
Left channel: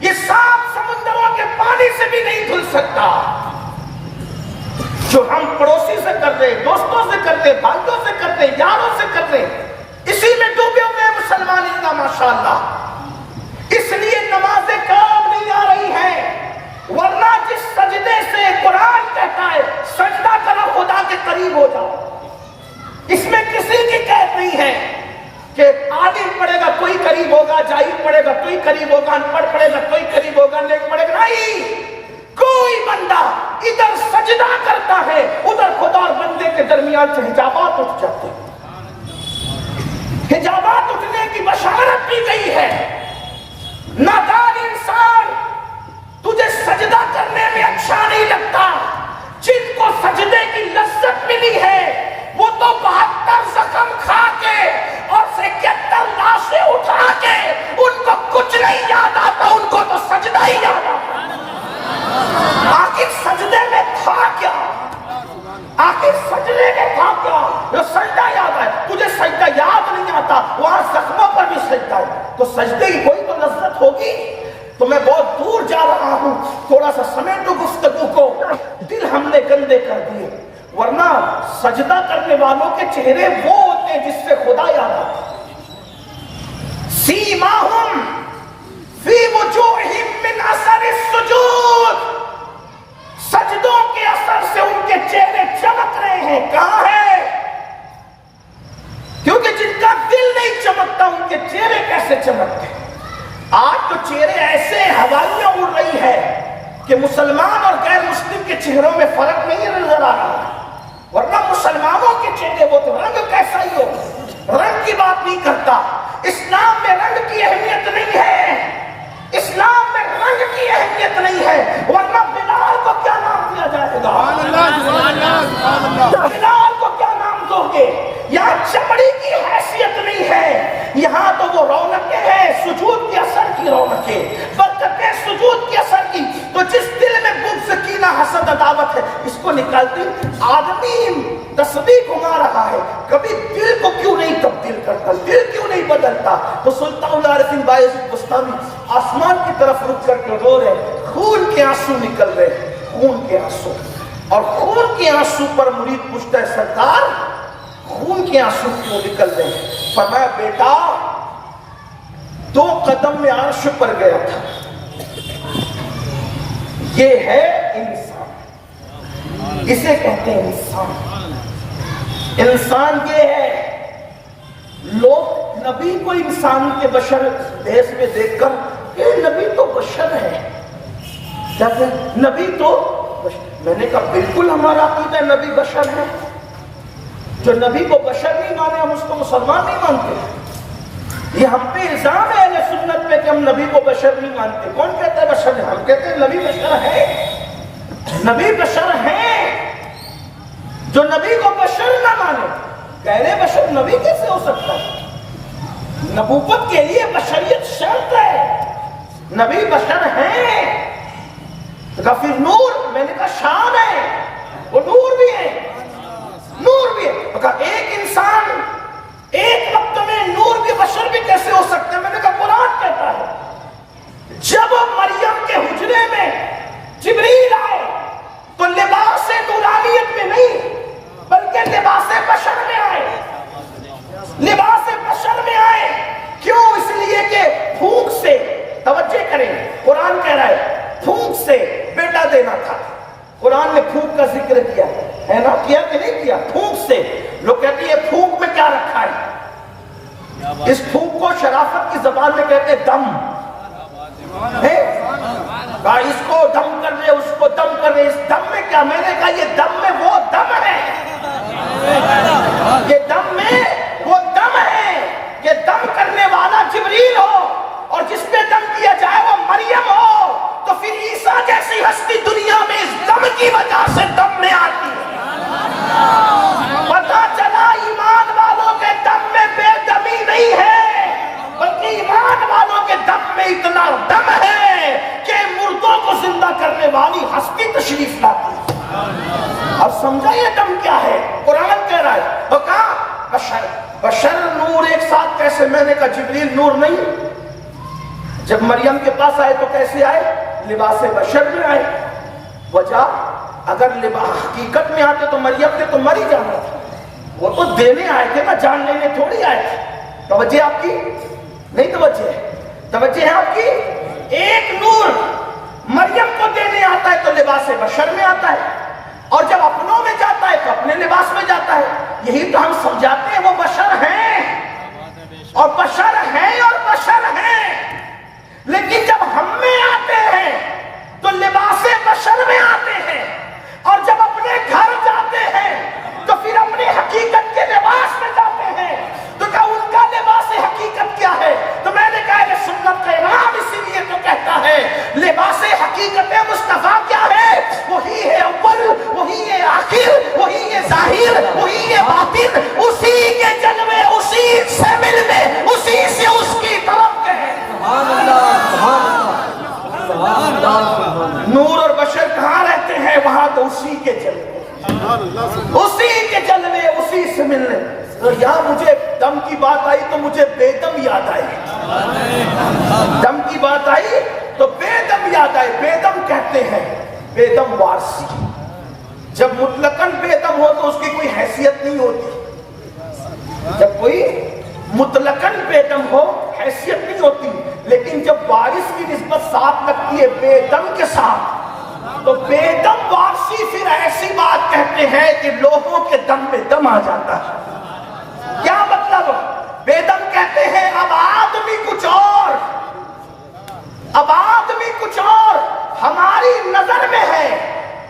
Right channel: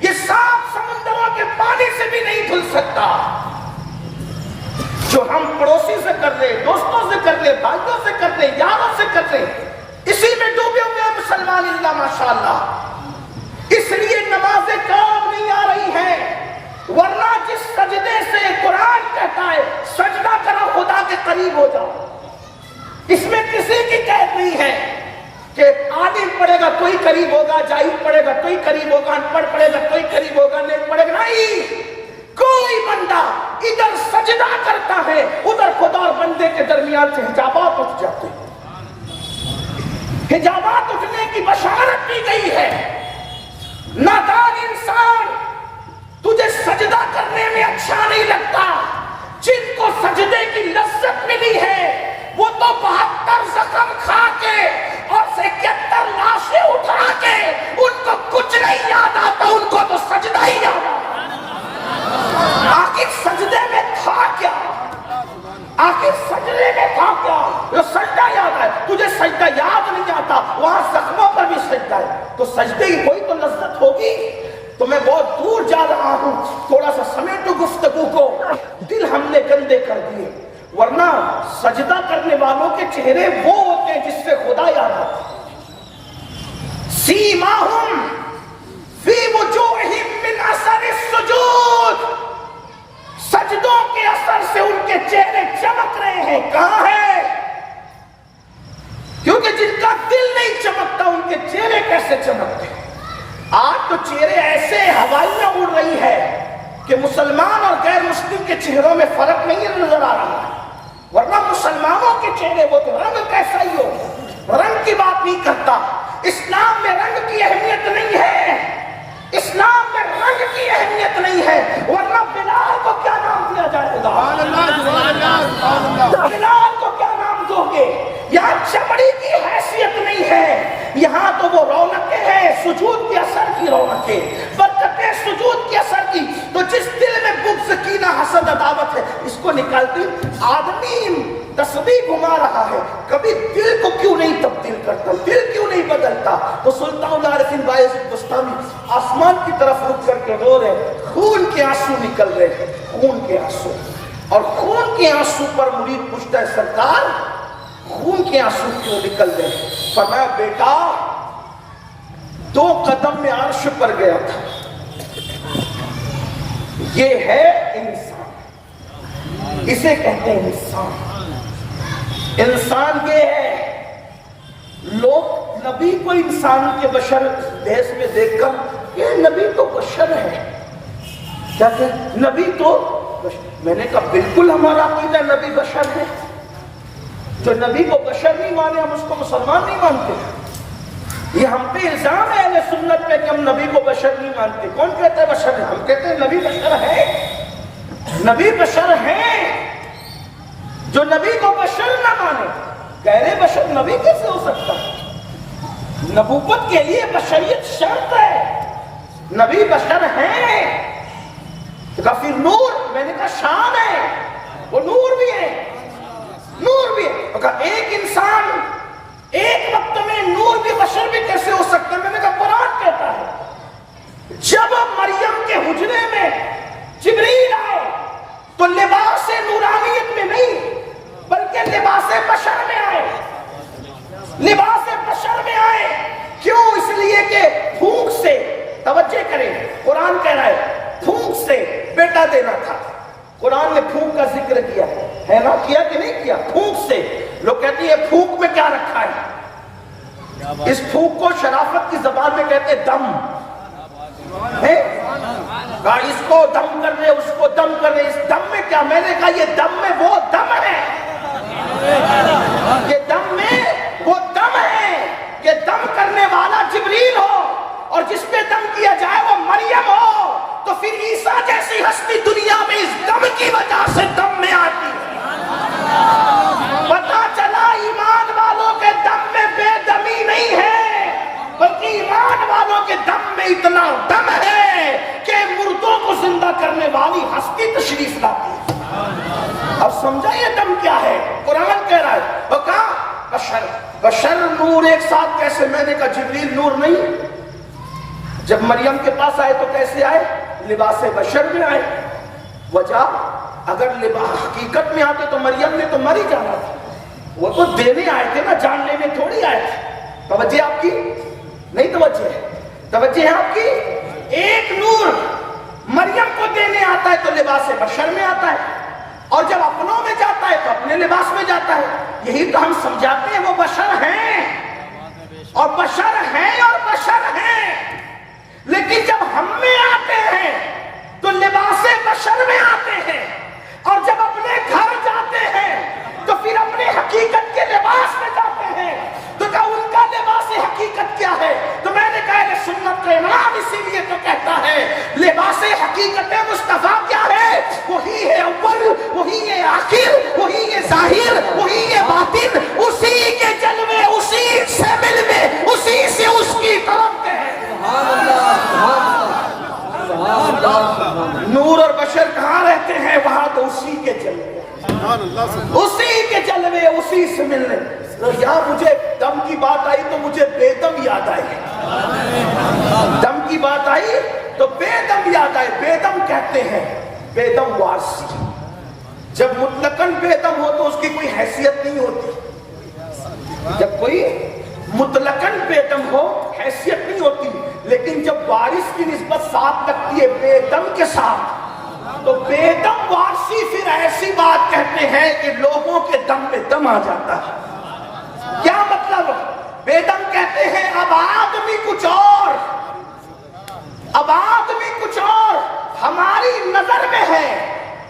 یہ 7 سمندروں کے پانی سے بھی نہیں دھل سکتا۔ جو ہم پڑوسی سے کر رہے، دوستوں سے کر رہے، بھائیوں سے کر رہے، یاروں سے کر رہے، اسی میں ڈوبے ہوئے مسلمان اللہ ماشاءاللہ۔ اس لیے نمازیں کام نہیں آ رہی ہیں، ورنہ جس سجدے سے قرآن کہتا ہے سجدہ کرو خدا کے قریب ہو جاؤ، اس میں کسی کی قید نہیں ہے کہ عالم پڑھے گا تو ہی قریب ہوگا، جاہل پڑھے گا تو ہی قریب ہوگا، ان پڑھ پڑھے گا تو ہی قریب ہوگا، نہیں پڑھے گا نہیں۔ کوئی بندہ ادھر سجدہ کرتا ہے، ادھر خدا اور بندے کے درمیان سے حجابات اٹھ جاتے ہیں، حجابات اٹھنے کی بشارت دی گئی ہے۔ نادان انسان، تجھے سجدہ کرنے میں اچھا نہیں لگتا، جن کو سجدے کی لذت ملی ہے وہ تو 72 زخم کھا کے اور 71 لاشیں اٹھا کے ان کو کچھ نہیں یاد آتا، ان کو تو سجدہ ہی یاد آتا۔ آخر سجدے میں تھا کیا؟ آخر سجدے میں تھا کیا؟ جو سجدہ یاد ہے، تجھے سجدہ یاد نہیں آتا، وہاں زخموں پر بھی سجدہ ہے، تو سجدے کی کوئی تو لذت ہوگی۔ تو میں بہت دور جا رہا ہوں، تھوڑا سا سمیٹو گفتگو کو، دل ہم نے گندے کر دیے، ورنہ سجدہ کرنے والوں کے چہرے وہ ہوتے ہیں جس سے خدا یاد آتا ہے۔ سیماہم فی وجوہہم من اثر السجود، سجدوں کے اثر سے ان کے چہرے چمک رہے ہیں۔ کہاں ہے؟ کیونکہ جن کا دل نہیں چمکتا ان کے چہرے کیسے چمکتے؟ آج تو چہرے ایسے ہوائیاں اڑ رہی ہے کہ مسلمان اور غیر مسلم کے چہروں میں فرق نہیں نظر آ رہا ہے، ورنہ مسلمانوں کے چہرے وہ تو رنگ کیسا ہی ہو، رنگ کی بات نہیں کرتا۔ اسلام میں رنگ کی اہمیت نہیں ہے، اسلام میں رنگ کی اہمیت نہیں ہے، ورنہ برکتیں سجود کی اثر کی تو جس دل میں بغض کینہ حسد عداوت ہے اس کو نکالتی. آدمی تسبیح گھما رہا ہے, کبھی دل کو کیوں نہیں تبدیل کرتا, دل کیوں نہیں بدلتا؟ تو سلطان العارفین بایزید بستامی آسمان کی طرف رک کر کے رو رہے, خون کے آنسو نکل رہے ہیں, خون کے آنسو. اور خون کے آنسو پر مرید پوچھتا ہے سرکار خون کے آنسو کیوں نکل رہے ہیں؟ فرمایا بیٹا 2 قدم میں عرش پر گیا تھا. یہ ہے انسان, اسے کہتے ہیں انسان. انسان یہ ہے. لوگ نبی کو انسان کے بشر دیش میں دیکھ کر یہ نبی تو بشر ہے, کہتے ہیں نبی تو بشر. میں نے کہا بالکل ہمارا عقیدہ نبی بشر ہے. جو نبی کو بشر نہیں مانے ہم اس کو مسلمان نہیں مانتے. یہ ہم پہ الزام ہے اہل سنت میں کہ ہم نبی کو بشر نہیں مانتے. کون کہتا ہے بشر ہے؟ ہم کہتے ہیں نبی بشر ہے. نبی بشر ہے. جو نبی کو بشر نہ مانے کہہ رہے بشر نبی کیسے ہو سکتا ہے؟ نبوت کے لیے بشریت شرط ہے. نبی بشر ہے. تو کہا پھر نور, میں نے کہا شان ہے, وہ نور بھی ہے, نور بھی ہے. تو کہا ایک انسان ایک وقت میں نور بھی بشر بھی کیسے ہو سکتے ہیں؟ میں نے کہا قرآن کہتا ہے جب مریم کے حجرے میں جبریل آئے تو لباس نورانیت میں نہیں بلکہ لباس بشر میں آئے. لباس بشر میں آئے کیوں؟ اس لیے کہ پھونک سے, توجہ کریں, قرآن کہہ رہا ہے پھونک سے بیٹا دینا تھا. قرآن نے پھونک کا ذکر کیا ہے نا, کیا کہ نہیں کیا؟ پھونک سے. لوگ کہتے ہیں پھونک میں کیا رکھا ہے؟ اس پھونک کو شرافت کی زبان میں کہتے ہیں دم ہے. اس کو دم کر رہے, اس کو دم کر رہے. اس دم میں کیا؟ میں نے کہا یہ دم میں وہ دم ہے, یہ دم میں وہ دم ہے. یہ دم کرنے والا جبریل ہو اور جس پہ دم کیا جائے وہ مریم ہو. تو پھر عیسیٰ جیسی ہستی دنیا میں اس دم کی وجہ سے دم میں آتی ہے. پتا چلا ایمان والوں کے دم میں بے دمی نہیں ہے بلکہ ایمان والوں کے دم میں اتنا دم ہے کہ مردوں کو زندہ کرنے والی ہستی تشریف لاتی ہے. اب سمجھا یہ دم کیا ہے؟ قرآن کہہ رہا ہے. تو کہا بشر, بشر نور ایک ساتھ کیسے؟ میں نے کہا جبریل نور نہیں. جب مریم کے پاس آئے تو کیسے آئے؟ لباس بشر میں آئے. وجہ اگر حقیقت میں آتے تو مریم نے تو مر ہی جانا تھا. وہ تو دینے آئے تھے نا, جان لینے تھوڑی آئے تھے. توجہ آپ کی نہیں؟ توجہ ہے, توجہ ہے آپ کی. ایک نور مریم کو دینے آتا ہے تو لباس بشر میں آتا ہے, اور جب اپنوں میں جاتا ہے تو اپنے لباس میں جاتا ہے. یہی تو ہم سمجھاتے ہیں وہ بشر ہیں اور بشر ہیں اور بشر ہیں. لیکن جب ہم میں آتے ہیں تو لباس بشر میں آتے ہیں, اور جب اپنے گھر جاتے ہیں تو پھر اپنی حقیقت کے لباس میں جاتے ہیں. تو کہا ان کا لباس حقیقت کیا ہے؟ تو میں نے کہا کہ سنت کا امام اسی لیے تو کہتا ہے لباس حقیقت مصطفیٰ کیا ہے؟ وہی ہے اول, وہی ہے آخر, وہی ہے ظاہر, وہی ہے باطن. اسی کے جلوے اسی سے ملوے اسی سے اس کی طرف کے ہیں. نور اور بشر کہاں رہتے ہیں؟ وہاں تو اسی کے جلوے, اسی کے جلوے اسی سے ملنے. تو یہاں مجھے دم کی بات آئی تو مجھے بے دم یاد آئی. دم کی بات آئی تو بے دم یاد آئے. بے دم کہتے ہیں بے دم وارسی. جب مطلقاً بے دم ہو تو اس کی کوئی حیثیت نہیں ہوتی. جب کوئی مطلقاً بے دم ہو حیثیت نہیں ہوتی, لیکن جب وارث کی نسبت ساتھ لگتی ہے بے دم کے ساتھ تو بے دم وارثی پھر ایسی بات کہتے ہیں کہ لوگوں کے دم میں دم آ جاتا ہے. کیا مطلب؟ بے دم کہتے ہیں اب آدمی کچھ اور, اب آدمی کچھ اور ہماری نظر میں ہے,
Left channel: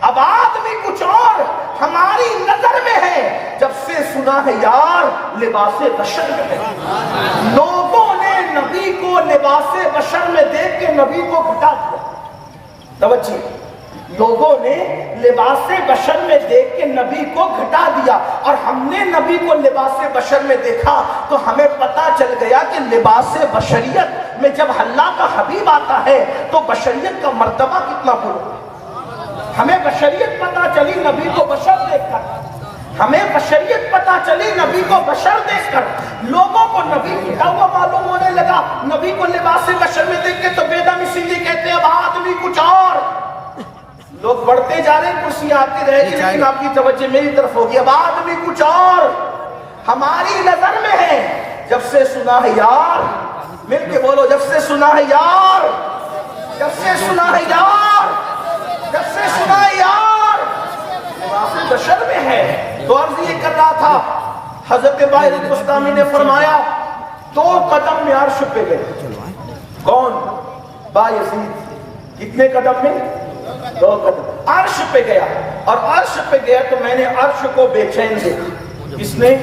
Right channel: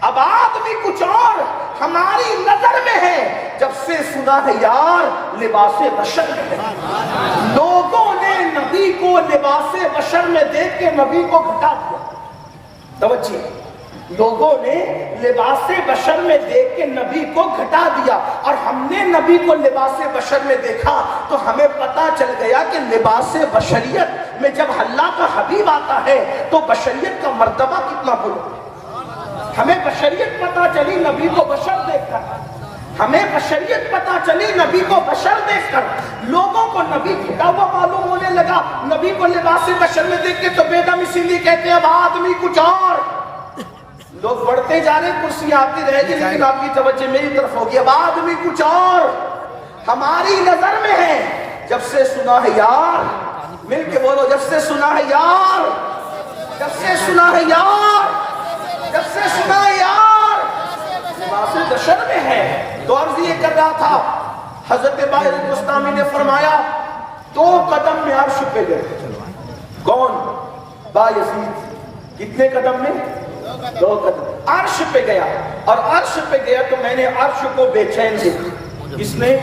اب آدمی کچھ اور ہماری نظر میں ہے. جب سے سنا ہے یار لباس بشر میں ہے, لوگوں نے نبی کو لباس بشر میں دیکھ کے نبی کو گھٹا دیا. توجہ, لوگوں نے لباس بشر میں دیکھ کے نبی کو گھٹا دیا، اور ہم نے نبی کو لباس بشر میں دیکھا تو ہمیں پتا چل گیا کہ لباس بشریت میں جب اللہ کا حبیب آتا ہے تو بشریت کا مرتبہ کتنا بلند ہے۔ ہمیں بشریت پتا چلی نبی کو بشر دیکھ کر، ہمیں بشریت پتا چلی نبی کو بشر دیکھ کر۔ لوگوں کو نبی گھٹا ہوا معلوم ہونے لگا، نبی کو لباس بشر میں دیکھ کے تو بے دم اسی لیے کہتے ہیں اب آدمی کچھ اور۔ لوگ بڑھتے جا رہے ہیں، کرسیاں آتی رہے گی، لیکن آپ کی توجہ میری طرف ہوگی، اب آدمی کچھ اور ہماری نظر میں ہے۔ جب سے سنا ہے یار، مل کے بولو، جب سے سنا ہے یار، جب سے سنا ہے یار، جب سے سنا ہے یار، لباس بشر میں ہے۔ تو عرض یہ کر رہا تھا، حضرت باہر بستامی نے فرمایا 2 قدم میں عرش پہ گئے۔ کون؟ بایزید۔ کتنے قدم میں؟ 2 قدم۔ عرش پہ گیا، اور عرش پہ گیا تو میں نے عرش کو بے چین دیکھا۔ کس نے؟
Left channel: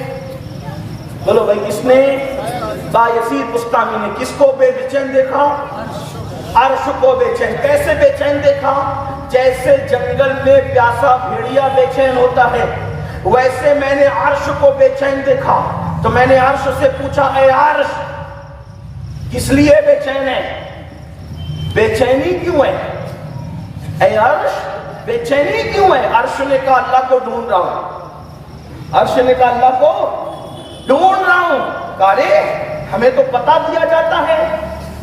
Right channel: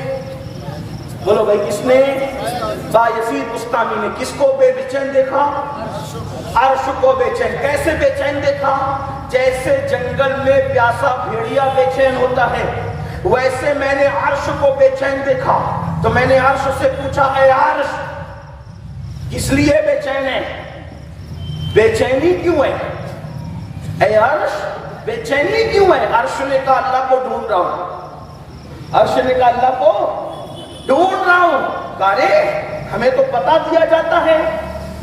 بولو بھائی، کس نے؟ بایزید بستامی نے۔ کس کو بے چین دیکھا؟ عرش کو بے چین۔ کیسے بے چین دیکھا؟ جیسے جنگل میں پیاسا بھیڑیا بے چین ہوتا ہے، ویسے میں نے عرش کو بے چین دیکھا۔ تو میں نے عرش سے پوچھا، اے عرش کس لیے بے چین ہے؟ بے چینی کیوں ہے؟ اے عرش بے چینی کیوں ہے؟ عرش نے کہا اللہ کو ڈھونڈ رہا ہوں۔ عرش نے کہا اللہ کو ڈھونڈ رہا ہوں۔ کہا رے ہمیں تو پتا دیا جاتا ہے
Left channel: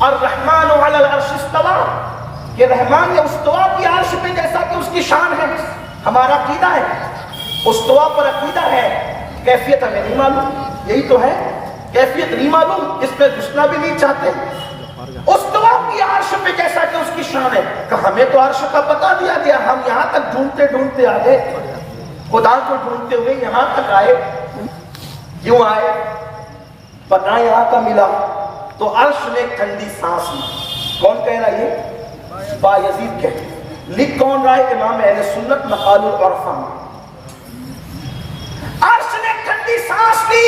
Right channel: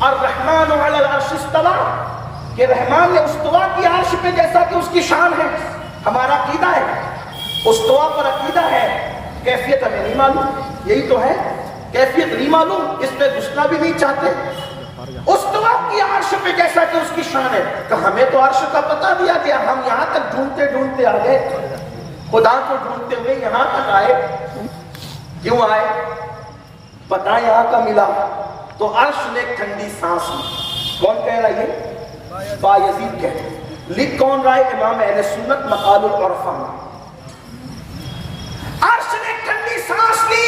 الرحمن علی العرش استوى، کہ رحمان نے استوا کی عرش پہ، جیسا کہ اس کی شان ہے۔ ہمارا عقیدہ ہے، استوا پر عقیدہ ہے، کیفیت ہمیں نہیں معلوم۔ یہی تو ہے، کیفیت نہیں معلوم، اس پہ گھسنا بھی نہیں چاہتے۔ استوا کی عرش پہ جیسا کہ اس کی شان ہے، کہ ہمیں تو عرش کا پتا دیا گیا، ہم یہاں تک ڈھونڈتے ڈھونڈتے آ گئے، خدا کو ڈھونڈتے ہوئے یہاں تک آئے۔ کیوں آئے؟ پتا یہاں کا ملا۔ تو عرش نے ٹھنڈی سانس لی۔ کون کہہ رہا ہے؟ بایزید کہہ رہا۔ لکھ کون رہا ہے؟ امام اہل سنت مقال العرفاء میں۔ عرش نے ٹھنڈی سانس لی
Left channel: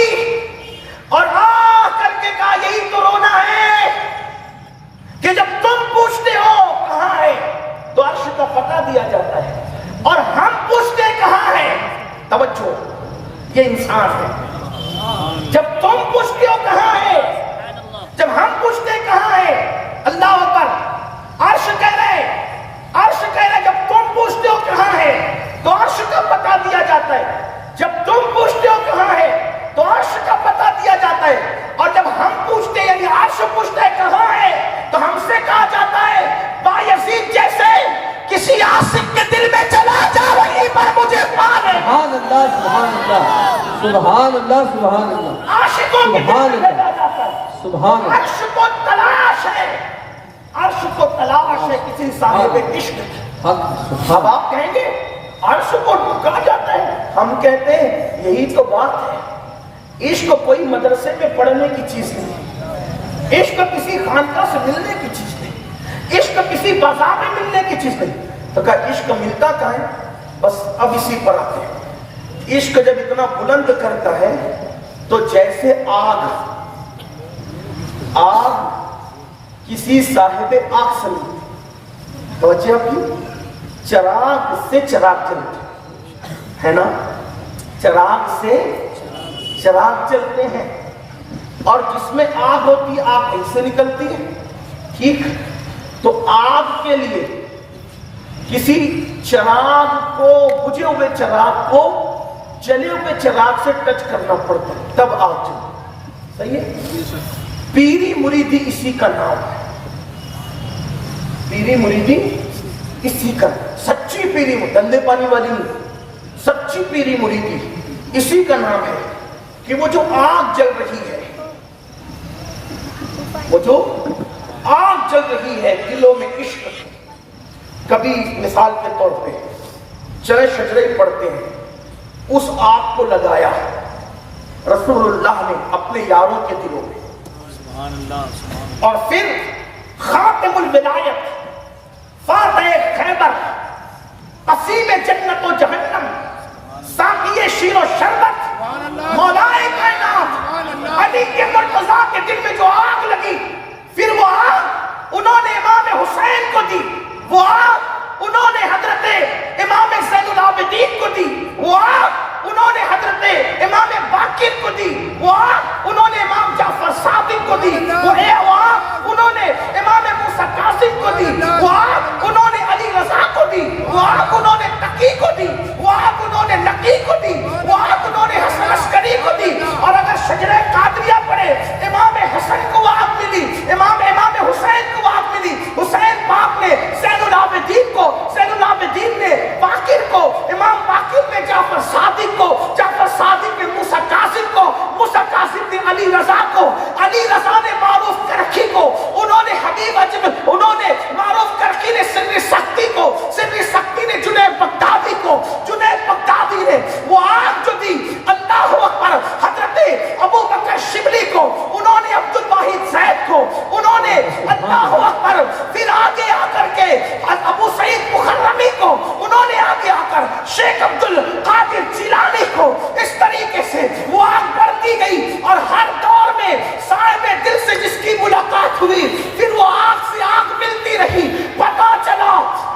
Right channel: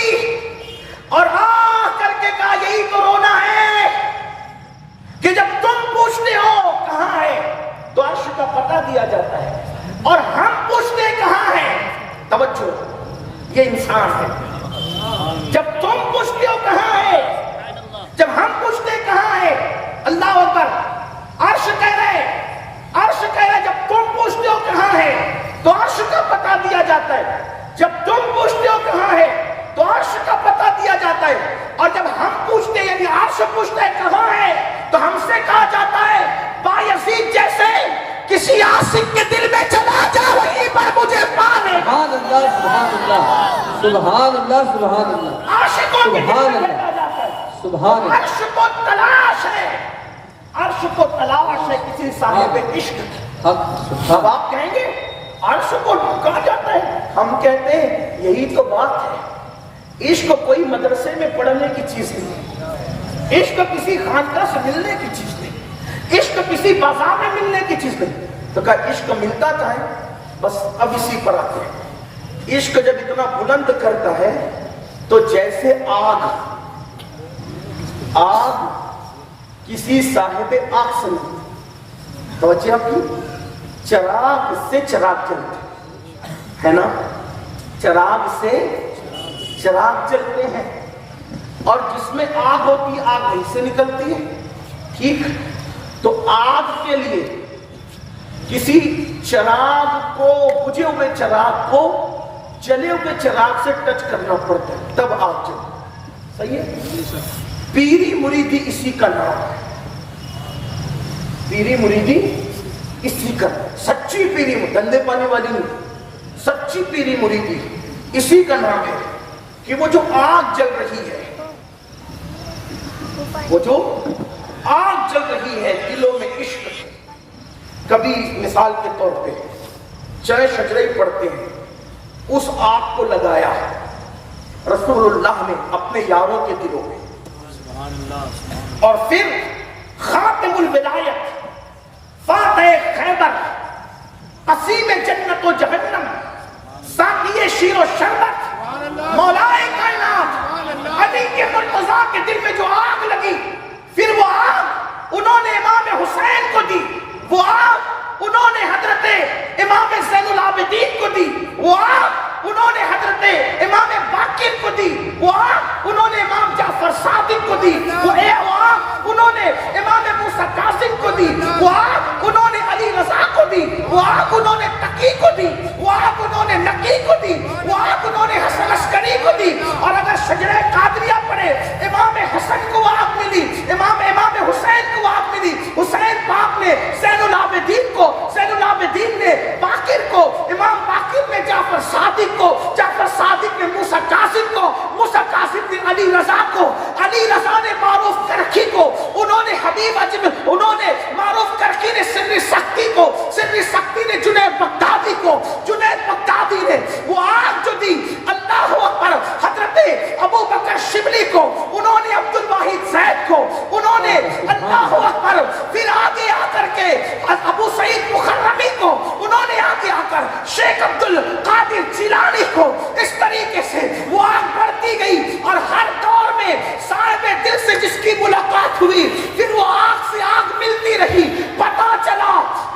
اور آہ کر کے کہا یہی تو رونا ہے کہ جب تم پوچھتے ہو کہاں ہے تو عرش کا پتہ دیا جاتا ہے، اور ہم پوچھتے کہاں ہے، توجہ یہ انسان ہے۔ جب تم پوچھتے ہو کہاں ہے، جب ہم پوچھتے کہاں ہے، اللہ اکبر، عرش کہہ رہے، عرش کہہ رہے جب تم پوچھتے ہو کہاں ہے تو عرش کا پتہ دیا جاتا ہے۔ جب تم پوچھتے ہو کہاں ہے تو عرش کا پتہ دیا جاتا ہے، اور جب ہم پوچھتے یعنی عرش پوچھتا ہے کہاں ہے تو ہم سے کہا جاتا ہے بایزید جیسے کسی عاشق کے دل میں چلا جا وہیں پر مجھے پا لے۔ سبحان اللہ، سبحان اللہ، سبحان اللہ، سبحان اللہ، عاشقوں کے دل میں لے جاتا ہے۔ سبحان اللہ۔ عرش کو تلاش ہے، عرش کو تلاش ہے کسی صاحب عشق کی۔ اب آپ کہیں گے عرش کو کہا جاتا ہے، ہم کہتے ہیں یہی تو بات ہے۔ عشق کوئی مدرسے میں پڑھنے کی چیز نہیں، عشق کسی خانقاہ سے ملنے کی چیز نہیں، عشق کسی بازار میں ملنے کی چیز نہیں۔ تو کہا عشق ملتا کہاں ہے؟ بس اب اسی پر آتے ہیں۔ عشق جب اتنا بلند کرتا ہے تو جیسے آگ کسی صاحب آگ سے ملتی، توجہ آپ کی، چراغ سے چراغ جلتے ہے نا، چراغ سے چراغ جلتے ہیں، اور جس میں آگ ہوتی ہے آگ کہیں سے نکلتی ہے، ٹھیک؟ تو آگ کے لیے کسی چراغ کو، بجھے ہوئے چراغ کو جلے ہوئے چراغ سے ٹچ کرنا پڑتا ہے تب آگ جلتی، صحیح ہے؟ پیری مریدی اسی کا نام ہے، پیری مریدی اسی کا، سچی پیری دندے پانی والی نہیں، سچی پیری مریدی اسی کا نام ہے کہ وہ جو آگ جل رہی ہے، وہ جو آگ جل رہی ہے دلوں میں عشق، کبھی مثال کے طور پہ چرے شجرے پڑھتے ہیں، اس آگ کو لگایا رسول اللہ نے اپنے یاروں کے دلوں میں، اور پھر خاتم الولایت، فاتح خیبر، قسیم جنت و جہنم، ساقی شیر و شربت، مولائے کائنات، علی کے مرتضیٰ کے دل میں جو آگ لگی، پھر وہ آگ انہوں نے امام حسین کو دی، وہ آگ انہوں نے حضرت دی، وہ آگ انہوں نے علی رضا کو دی، وہ آگ انہوں نے تقی کو دی، وہ آگ انہوں نے نقی کو دی، وہ آگ انہوں نے حسن عسکری کو دی. اور اگر شجرہ قادریہ پڑھے امام حسن کو وہ آگ ملی، امام حسین کو وہ آگ ملی. حسین پاک نے زین العابدین کو، زین العابدین نے باقر کو، امام باقر نے جعفر صادق کو، جعفر صادق نے موسیٰ کاظم کو، موسیٰ کاظم نے علی رضا کو، علی رضا نے معروف کرخی کو، انہوں نے حبیب اجمل، انہوں نے معروف کرخی نے سر سختی کو، سر سختی نے جنید بغدادی کو، جنید بغدادی نے وہ آگ جو دی اللہ اکبر حضرت ابو بکر شبلی کو، انہوں نے عبد الواحد زید کو، انہوں نے اللہ اکبر پھر آگے آ کر کے ابو سعید مخرمی کو، انہوں نے آگے آ کر شیخ عبد القادر جیلانی کو. اس طریقے سے وہ آگ بڑھتی گئی اور ہر دور میں صاحب دل سے جس کی ملاقات ہوئی پھر وہ آگ سے آگ ملتی رہی. پتا چلا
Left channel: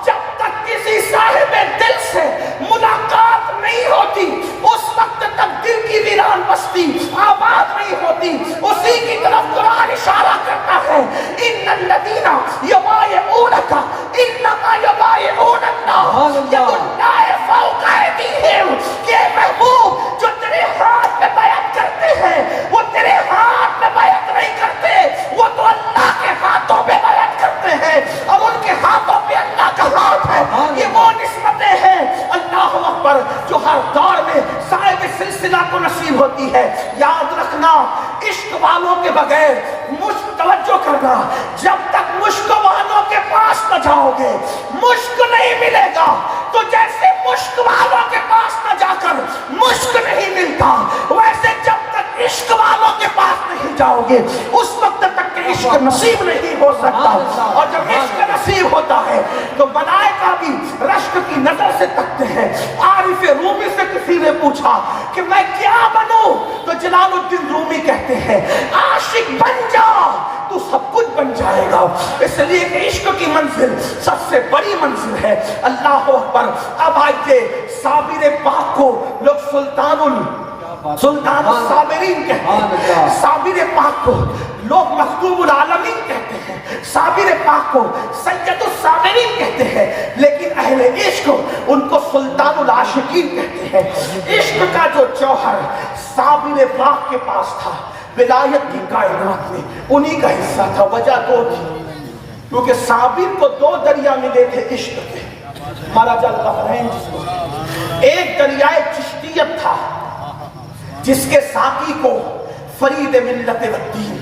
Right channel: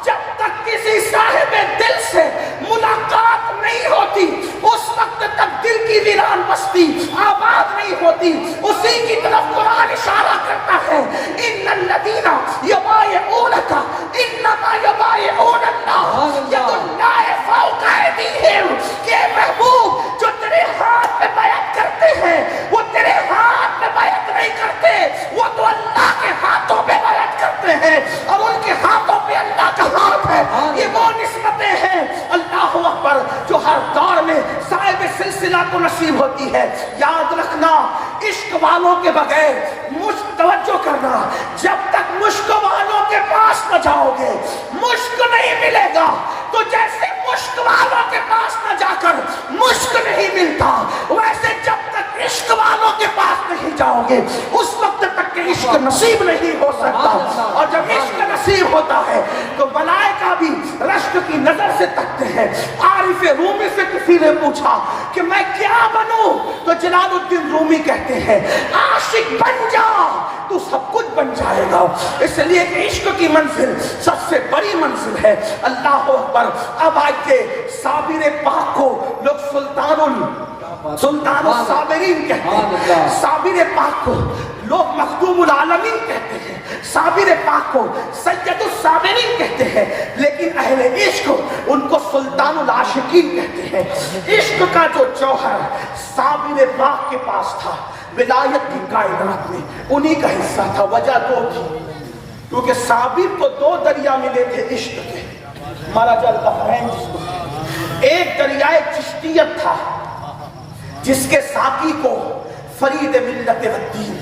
جب تک کسی صاحب دل سے ملاقات نہیں ہوتی اس وقت تک دل کی ویران بستی آباد نہیں ہوتی. اسی کی طرف قرآن اشارہ کرتا ہے ان الذین یبایعونک انما یبایعون اللہ ید اللہ فوق ایدیہم. کہ محبوب جو تیرے ہاتھ میں بیعت کرتے ہیں وہ تیرے ہاتھ میں بیعت نہیں کرتے، وہ تو اللہ کے ہاتھوں میں بیعت کرتے ہیں اور ان کے ہاتھوں پہ اللہ کا ہاتھ ہے. یہ وہ نسبتیں ہیں اللہ اکبر جو ہر دور میں صاحب سلسلہ کو نصیب ہوتی ہے. یاد رکھنا عشق والوں کے بغیر مشک توجہ کرنا، جب تک مشک والوں کے پاس نہ جاؤ گے مشک نہیں ملے گا. تو جیسے مشک والوں کے پاس نہ جا کر مشک نہیں ملتا، ویسے جب تک عشق والوں کے پاس نہیں جاؤ گے اس وقت تک کہ عشق نصیب نہیں ہو سکتا. اور جب عشق نصیب ہوتا ہے تو ملائکہ بھی رشک کی نظر سے تکتے ہیں. عارف رومی سے کسی نے پوچھا کہ میں کیا بنوں تو جلال الدین رومی کہتے ہیں عاشق بن جا تو سب کچھ بن جائے گا. اس لیے کہ عشق کی منزل سب سے بڑی منزل ہے. اللہ اکبر. اب آئیے صابر پاک کو لوگ سلطان الصابرین کہتے ہیں، صابر پاک کو لوگ مخدوم العالمین کہتے ہیں، صابر پاک کو سید الصابرین کہتے ہیں، لیکن اہل عشق ان کو سلطان العاشقین کہتے ہیں. عشق کا جو جوہر صابر پاک کے پاس تھا ولایت کی کائنات میں انہی کا حصہ تھا. وجہ دو تھی، کیونکہ صابر کو دو دریا ملے تھے عشق کے، مرج البحرین جس کو. ایک دریائے چشتیت تھا جس کے ساقی کو فرید ملت الدین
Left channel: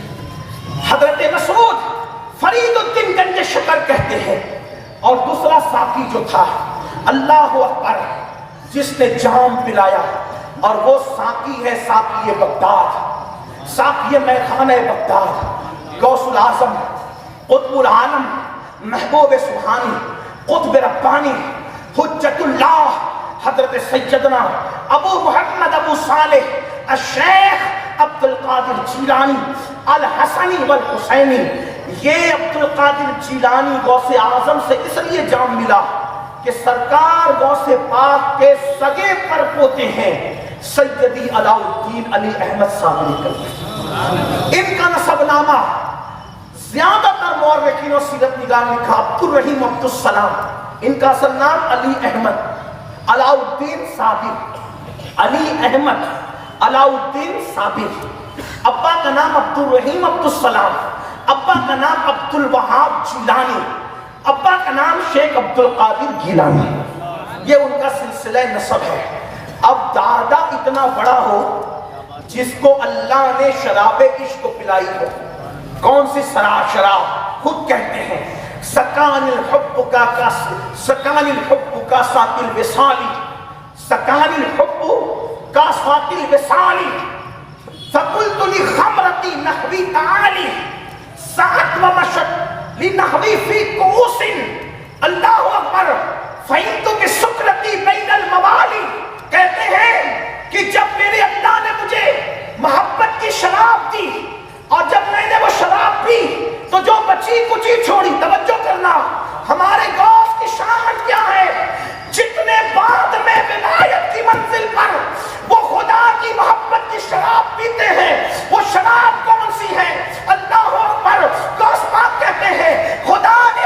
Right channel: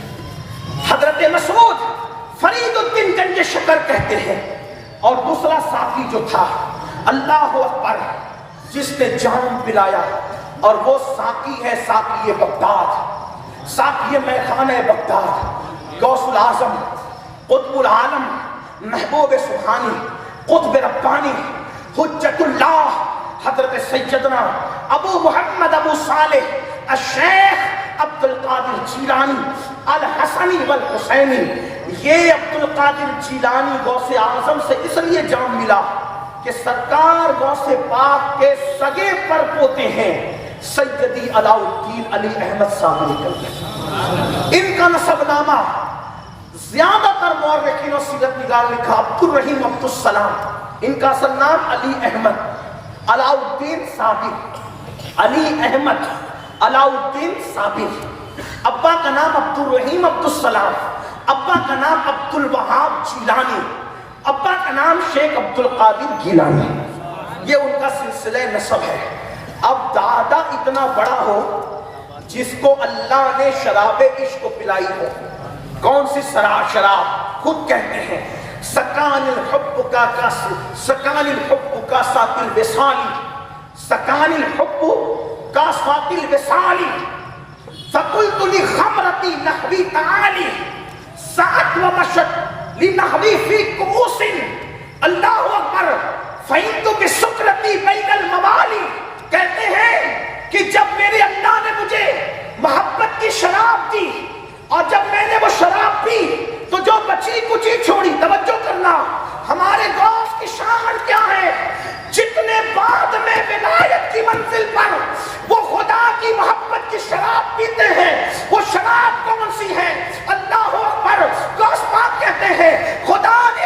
حضرت مسعود فرید الدین گنج شکر کہتے ہیں. اور دوسرا ساقی جو تھا اللہ اکبر جس نے جام پلایا، اور وہ ساقی ہے ساقی بغداد، ساقی میخانہ بغداد، غوث العظم، قطب العالم، محبوب سبحانی، قطب ربانی، حجت اللہ حضرت سیدنا ابو محمد ابو صالح الشیخ عبد القادر جیلانی الحسنی والحسینی. یہ عبد القادر جیلانی غوث اعظم سے اس لیے جام ملا کہ سرکار غوث پاک کے سگے پر پوتے ہیں سیدی علاء الدین علی احمد صابری کرتے. ان کا نسب نامہ زیادہ تر مورخین و سیرت نگار نے لکھا عبد الرحیم عبد السلام. ان کا اصل نام علی احمد علاء الدین صابر، علی احمد علاء الدین صابر. ابا کا نام عبد الرحیم عبد السلام، ابا کا نام عبد الوہاب جیلانی، ابا کا نام شیخ عبد القادر گیلانی. یہ ان کا سلسلہ نسب ہے. اب دادا اتنا بڑا ہو جس کو اللہ نے شراب عشق پلائی ہو. کون سی شراب؟ خود کہتے ہیں سکان الحب کا سکان الحب کا ساتل وصالی، سکان الحب کا ساتل وصالی، فقلت لخمرتی نحوی تعالی سعت و مشت لنحوی فی قوس. اللہ اکبر. فہمت بسکرتی بین الموالی. کہتے ہیں کہ جب میرے اللہ نے مجھے محبت کی شراب دی اور جب میں نے وہ شراب پی تو جو بچی کچی چھوڑی. توجہ کرنا، ہمارے غوث کی شان کیا ہے؟ جتنے بعد میں ولایت کی منزل پر وہ خدا کی محبت کی شراب پیتے ہیں، وہ شراب کون سی ہے؟ اللہ اکبر. غوث پاک کہتے ہیں خدا نے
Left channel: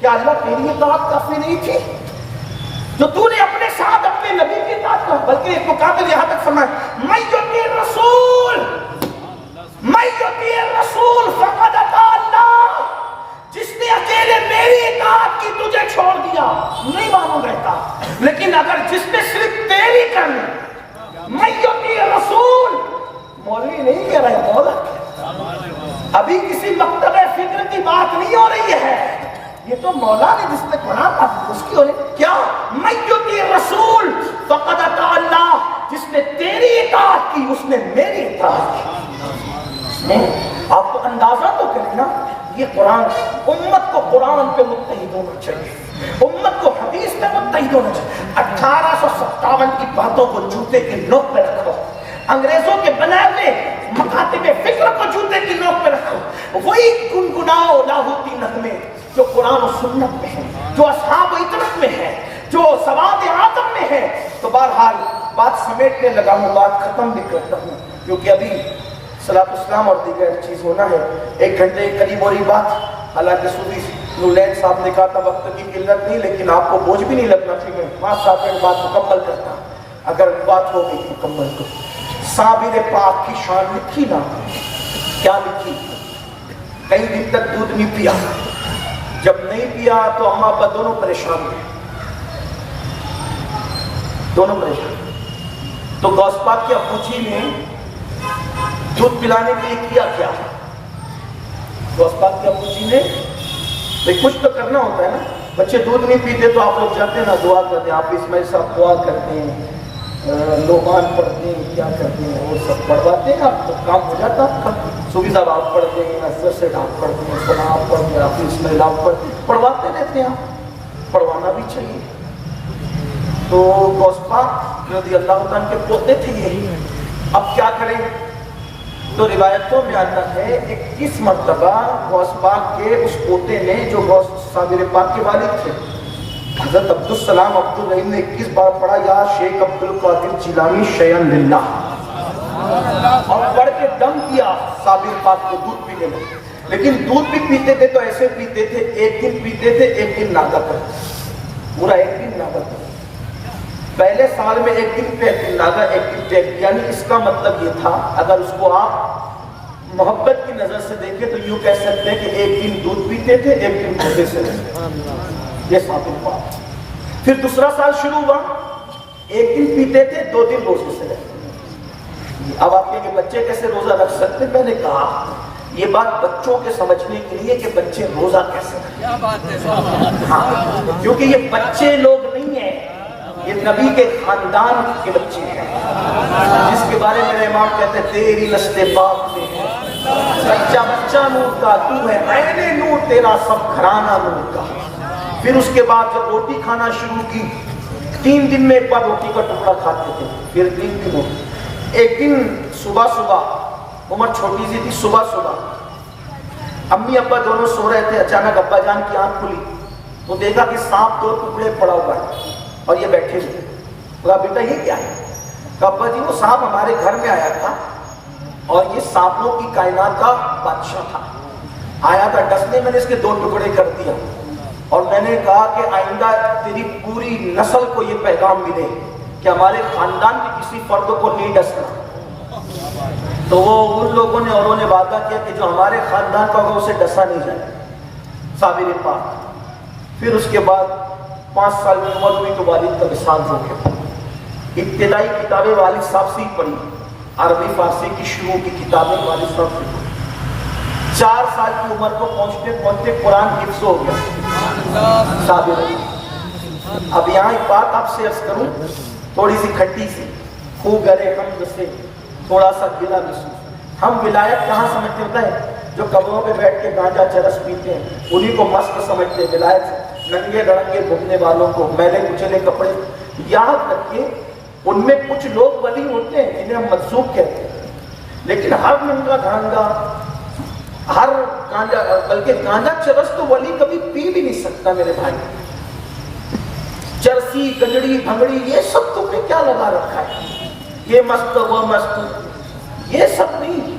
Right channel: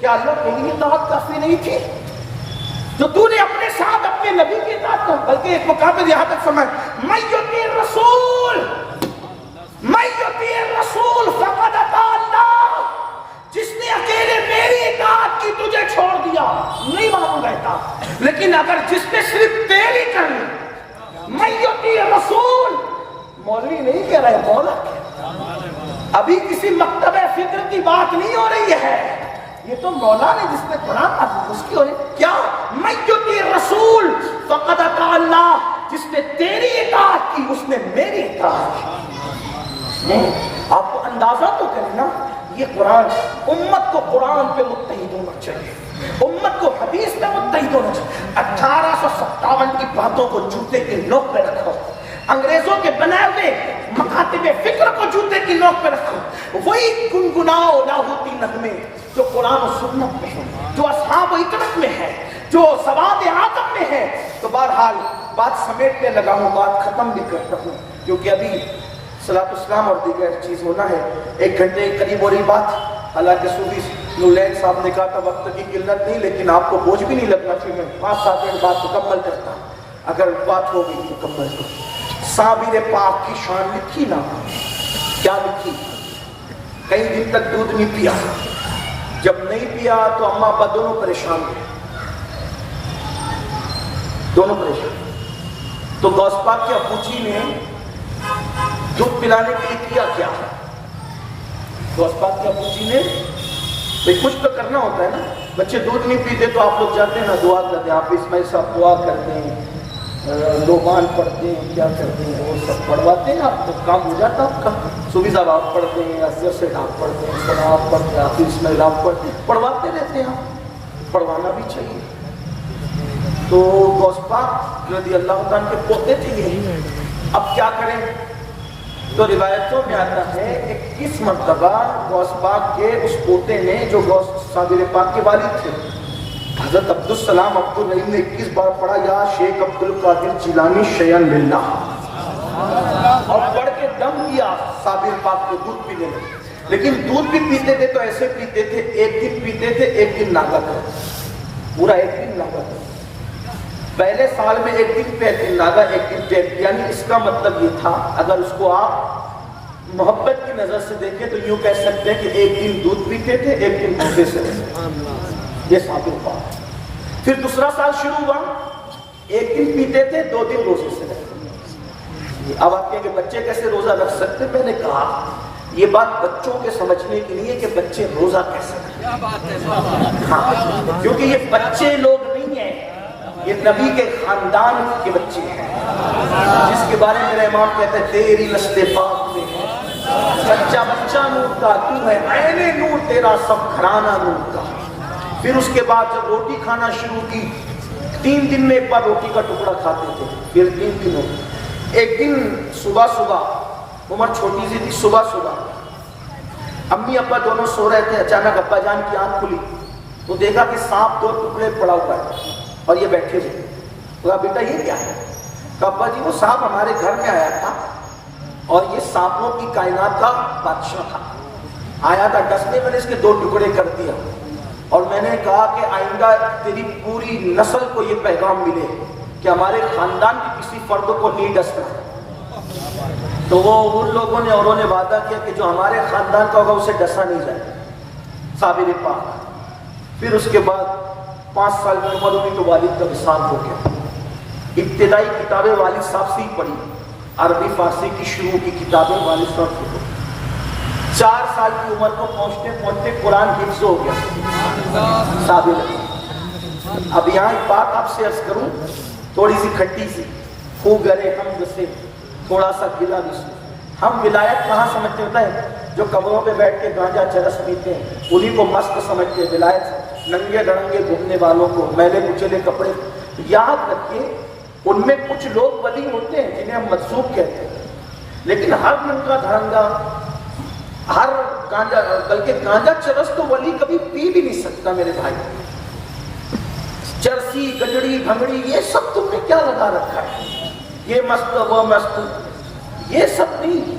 کیا اللہ تیری اطاعت کافی نہیں تھی؟ تو تو نے اپنے ساتھ اپنے نبی کی اطاعت کر، بلکہ ایک مقابل یہاں تک فرمایا من یطیع الرسول فقد اطاع اللہ، جس نے اکیلے میری اطاعت کی تجھے چھوڑ دیا نہیں مانوں گا اطاعت، لیکن اگر جس نے صرف تیری کرنی من یطیع الرسول، مولوی نہیں کہہ رہے مولا کہہ رہے، ابھی کسی مکتب فکر کی بات نہیں ہو رہی ہے، یہ تو مولا نے جس نے قرآن تھا اس کی ہو رہی کیا من یطیع الرسول فقد اطاع اللہ، جس نے تیری اطاعت کی اس نے میری اطاعت کی۔ آپ کو اندازہ تو کریں نا، یہ قرآن امت کو قرآن پہ متحد ہونا چاہیے، امت کو حدیث پہ متحد ہونا چاہیے۔ 1857 کی باتوں کو جوتے کی نوک پہ رکھو، انگریزوں کے بنائے ہوئے مکاتب فکر کو جوتے کی نوک پہ رکھو، وہی گنگناؤ لاہوتی نغمے جو قرآن و سنت میں ہے، جو اصحاب و اطرت میں ہے، جو سواد اعظم میں ہے۔ تو بہرحال بات سمیٹنے لگا ہوں، بات ختم بھی کرتا ہوں، کیونکہ ابھی صلاۃ السلام اور دیگر چیز ہونا ہے، 1 گھنٹے کے قریب ہو رہی بات۔ حالانکہ صوفی نولین صاحب نے کہا تھا وقت کی قلت نہیں، لیکن آپ کو بوجھ بھی نہیں لگنا چاہیے، میں 5-7 منٹ بات مکمل کرتا ہوں، اگر بات ہوگی مکمل تو۔ صابر پاک کی شان لکھی نا، کیا لکھی؟ کئی دن تک دودھ نہیں پیا، جب نہیں پیا تو اماں ابا دونوں پریشان ہوئے، دونوں پریشان۔ تو غوث پاک کی ابو جی نے دودھ پلانے کے لیے کیا کیا؟ غوث پاک کے ابو جی نے کچھ تو کرنا ہوتا ہے نا، بچے دودھ نہیں پیتے تو آپ لوگ جاتے ہیں نا دعا کرتے ہیں، آپ اسماعیل صاحب دعا کرتے ہیں، لومان پڑھتے ہیں، کیا کرتے ہیں، وہ سب پڑھواتے ہیں، آپ کو کام ہو جاتا ہے آپ کا۔ صوفی صاحب آپ پڑھتے ہیں، افضل سے آپ پڑھتے ہیں، قرآن آپ پڑھتے ہیں، آپ اسماعیل آپ پڑھتے ہیں، پڑھواتے رہتے ہیں، پڑھوانا بھی چاہیے۔ تو غوث پاک رضی اللہ عنہ کے پوتے تھے یہ، اب کیا کریں؟ تو روایتوں میں آتا ہے 21 مرتبہ غوث پاک کے اس پوتے نے، جو غوث صابر پاک کے والد تھے حضرت عبدالسلام عبدالرحیم نے 21 بار پڑھا یا شیخ عبدالقادر جیلانی شیئن للہ، اور پڑھ کے دم کیا صابر پاک کو دودھ پینے میں۔ لیکن دودھ بھی پیتے تھے تو ایسے پیتے تھے، 1 دن پیتے تھے 1 دن ناغا کرتے، پورا 1 دن ناغا کرتے، پہلے سال میں 1 دن پہ 1 دن ناغا 1 دن پہ، یعنی اس کا مطلب یہ تھا، اگر اس کو آپ محبت کی نظر سے دیکھیں تو یوں کہہ سکتے ہیں کہ 1 دن دودھ پیتے تھے 1 دن بھوکے سے رہتے، یہ صابر پاک۔ پھر دوسرا سال شروع ہوا، 1 دن پیتے تھے 2 دن روزے سے رہتے۔ اب آپ کے بچے کیسے روزہ رکھ سکتے؟ میں نے کہا یہ بات بچوں کے سمجھنے کے لیے کہ بچے روزہ کیسے رکھیں، کیونکہ یہ بچے لوگ نہیں ہیں، یہ نبی کے خاندان کے بچے ہیں، جس کے بارے میں امام کہتے ہیں تیری نسل پاک میں ہے بچہ بچہ نور کا، تو ہے عین نور، تیرا سب گھرانہ نور کا۔ پھر اس کے بعد جب روٹی کھانا شروع کی، 3 دن میں 1 بار روٹی کا ٹکڑا کھاتے تھے، پھر 3 دن ہوتے، 1 دن صبح، عمر چھوٹی سی تھی، صبح امی ابا دونوں سو رہے تھے، اچانک ابا جان کی آنکھ کھلی تو دیکھا کہ سانپ 2 ٹکڑے پڑا ہوا ہے اور یہ بیٹھے ہوئے۔ کہا بیٹا یہ کیا ہے؟ کہا ابا جی وہ سانپ ہمارے گھر میں آیا تھا اور یہ سانپوں کی کائنات کا بادشاہ تھا، آیا تھا ڈسنے، میں نے اس کے 2 ٹکڑے کر دیا، اور میں نے کہا کہ آئندہ تیری پوری نسل کو یہ پیغام ملے کہ ہمارے خاندان کے کسی فرد کو نہیں ڈسنا۔ تو وہ ان لوگوں نے اور انہوں نے وعدہ کیا کہ جو ہمارے خاندان کا ہوگا اسے ڈسا نہیں جائے، صابر پاک۔ پھر اس کے بعد 5 سال میں عمر ہوئی تو والد کا وصال ہو گیا۔ ابتدائی کتابیں والد صاحب سے ہی پڑھی، عربی فارسی کی شروع کی کتابیں والد صاحب سے پڑھی۔ 4 سال کی عمر کو پہنچتے پہنچتے قرآن حفظ ہو گیا صابر۔ اب یہاں ایک بات آپ سے عرض کروں، تھوڑی سی کھٹی سی، خو گرے ہم سے تھوڑا سا گلا محسوس۔ ہم ولایت کہاں سمجھتے ہوتا ہے؟ جو قبروں پہ بیٹھ کے گانجا چرس پیتے ہیں انہی کو مست سمجھتے ہیں ولایت، ننگے دڑنگے گھومنے والوں کو، میلے کچلے کپڑے۔ یاد رکھیں ان میں کچھ لوگ ولی ہوتے ہیں جنہیں ہم مجذوب کہتے ہیں، لیکن ہر ننگا دھڑنگا، ہر گانجا، بلکہ گانجا چرس تو ولی کبھی پی بھی نہیں سکتا میرے بھائی۔ چرسی گجڑی بھنگڑی یہ سب تم نے کیا لگا رکھا ہے؟ یہ مست وہ مست، یہ سب نہیں۔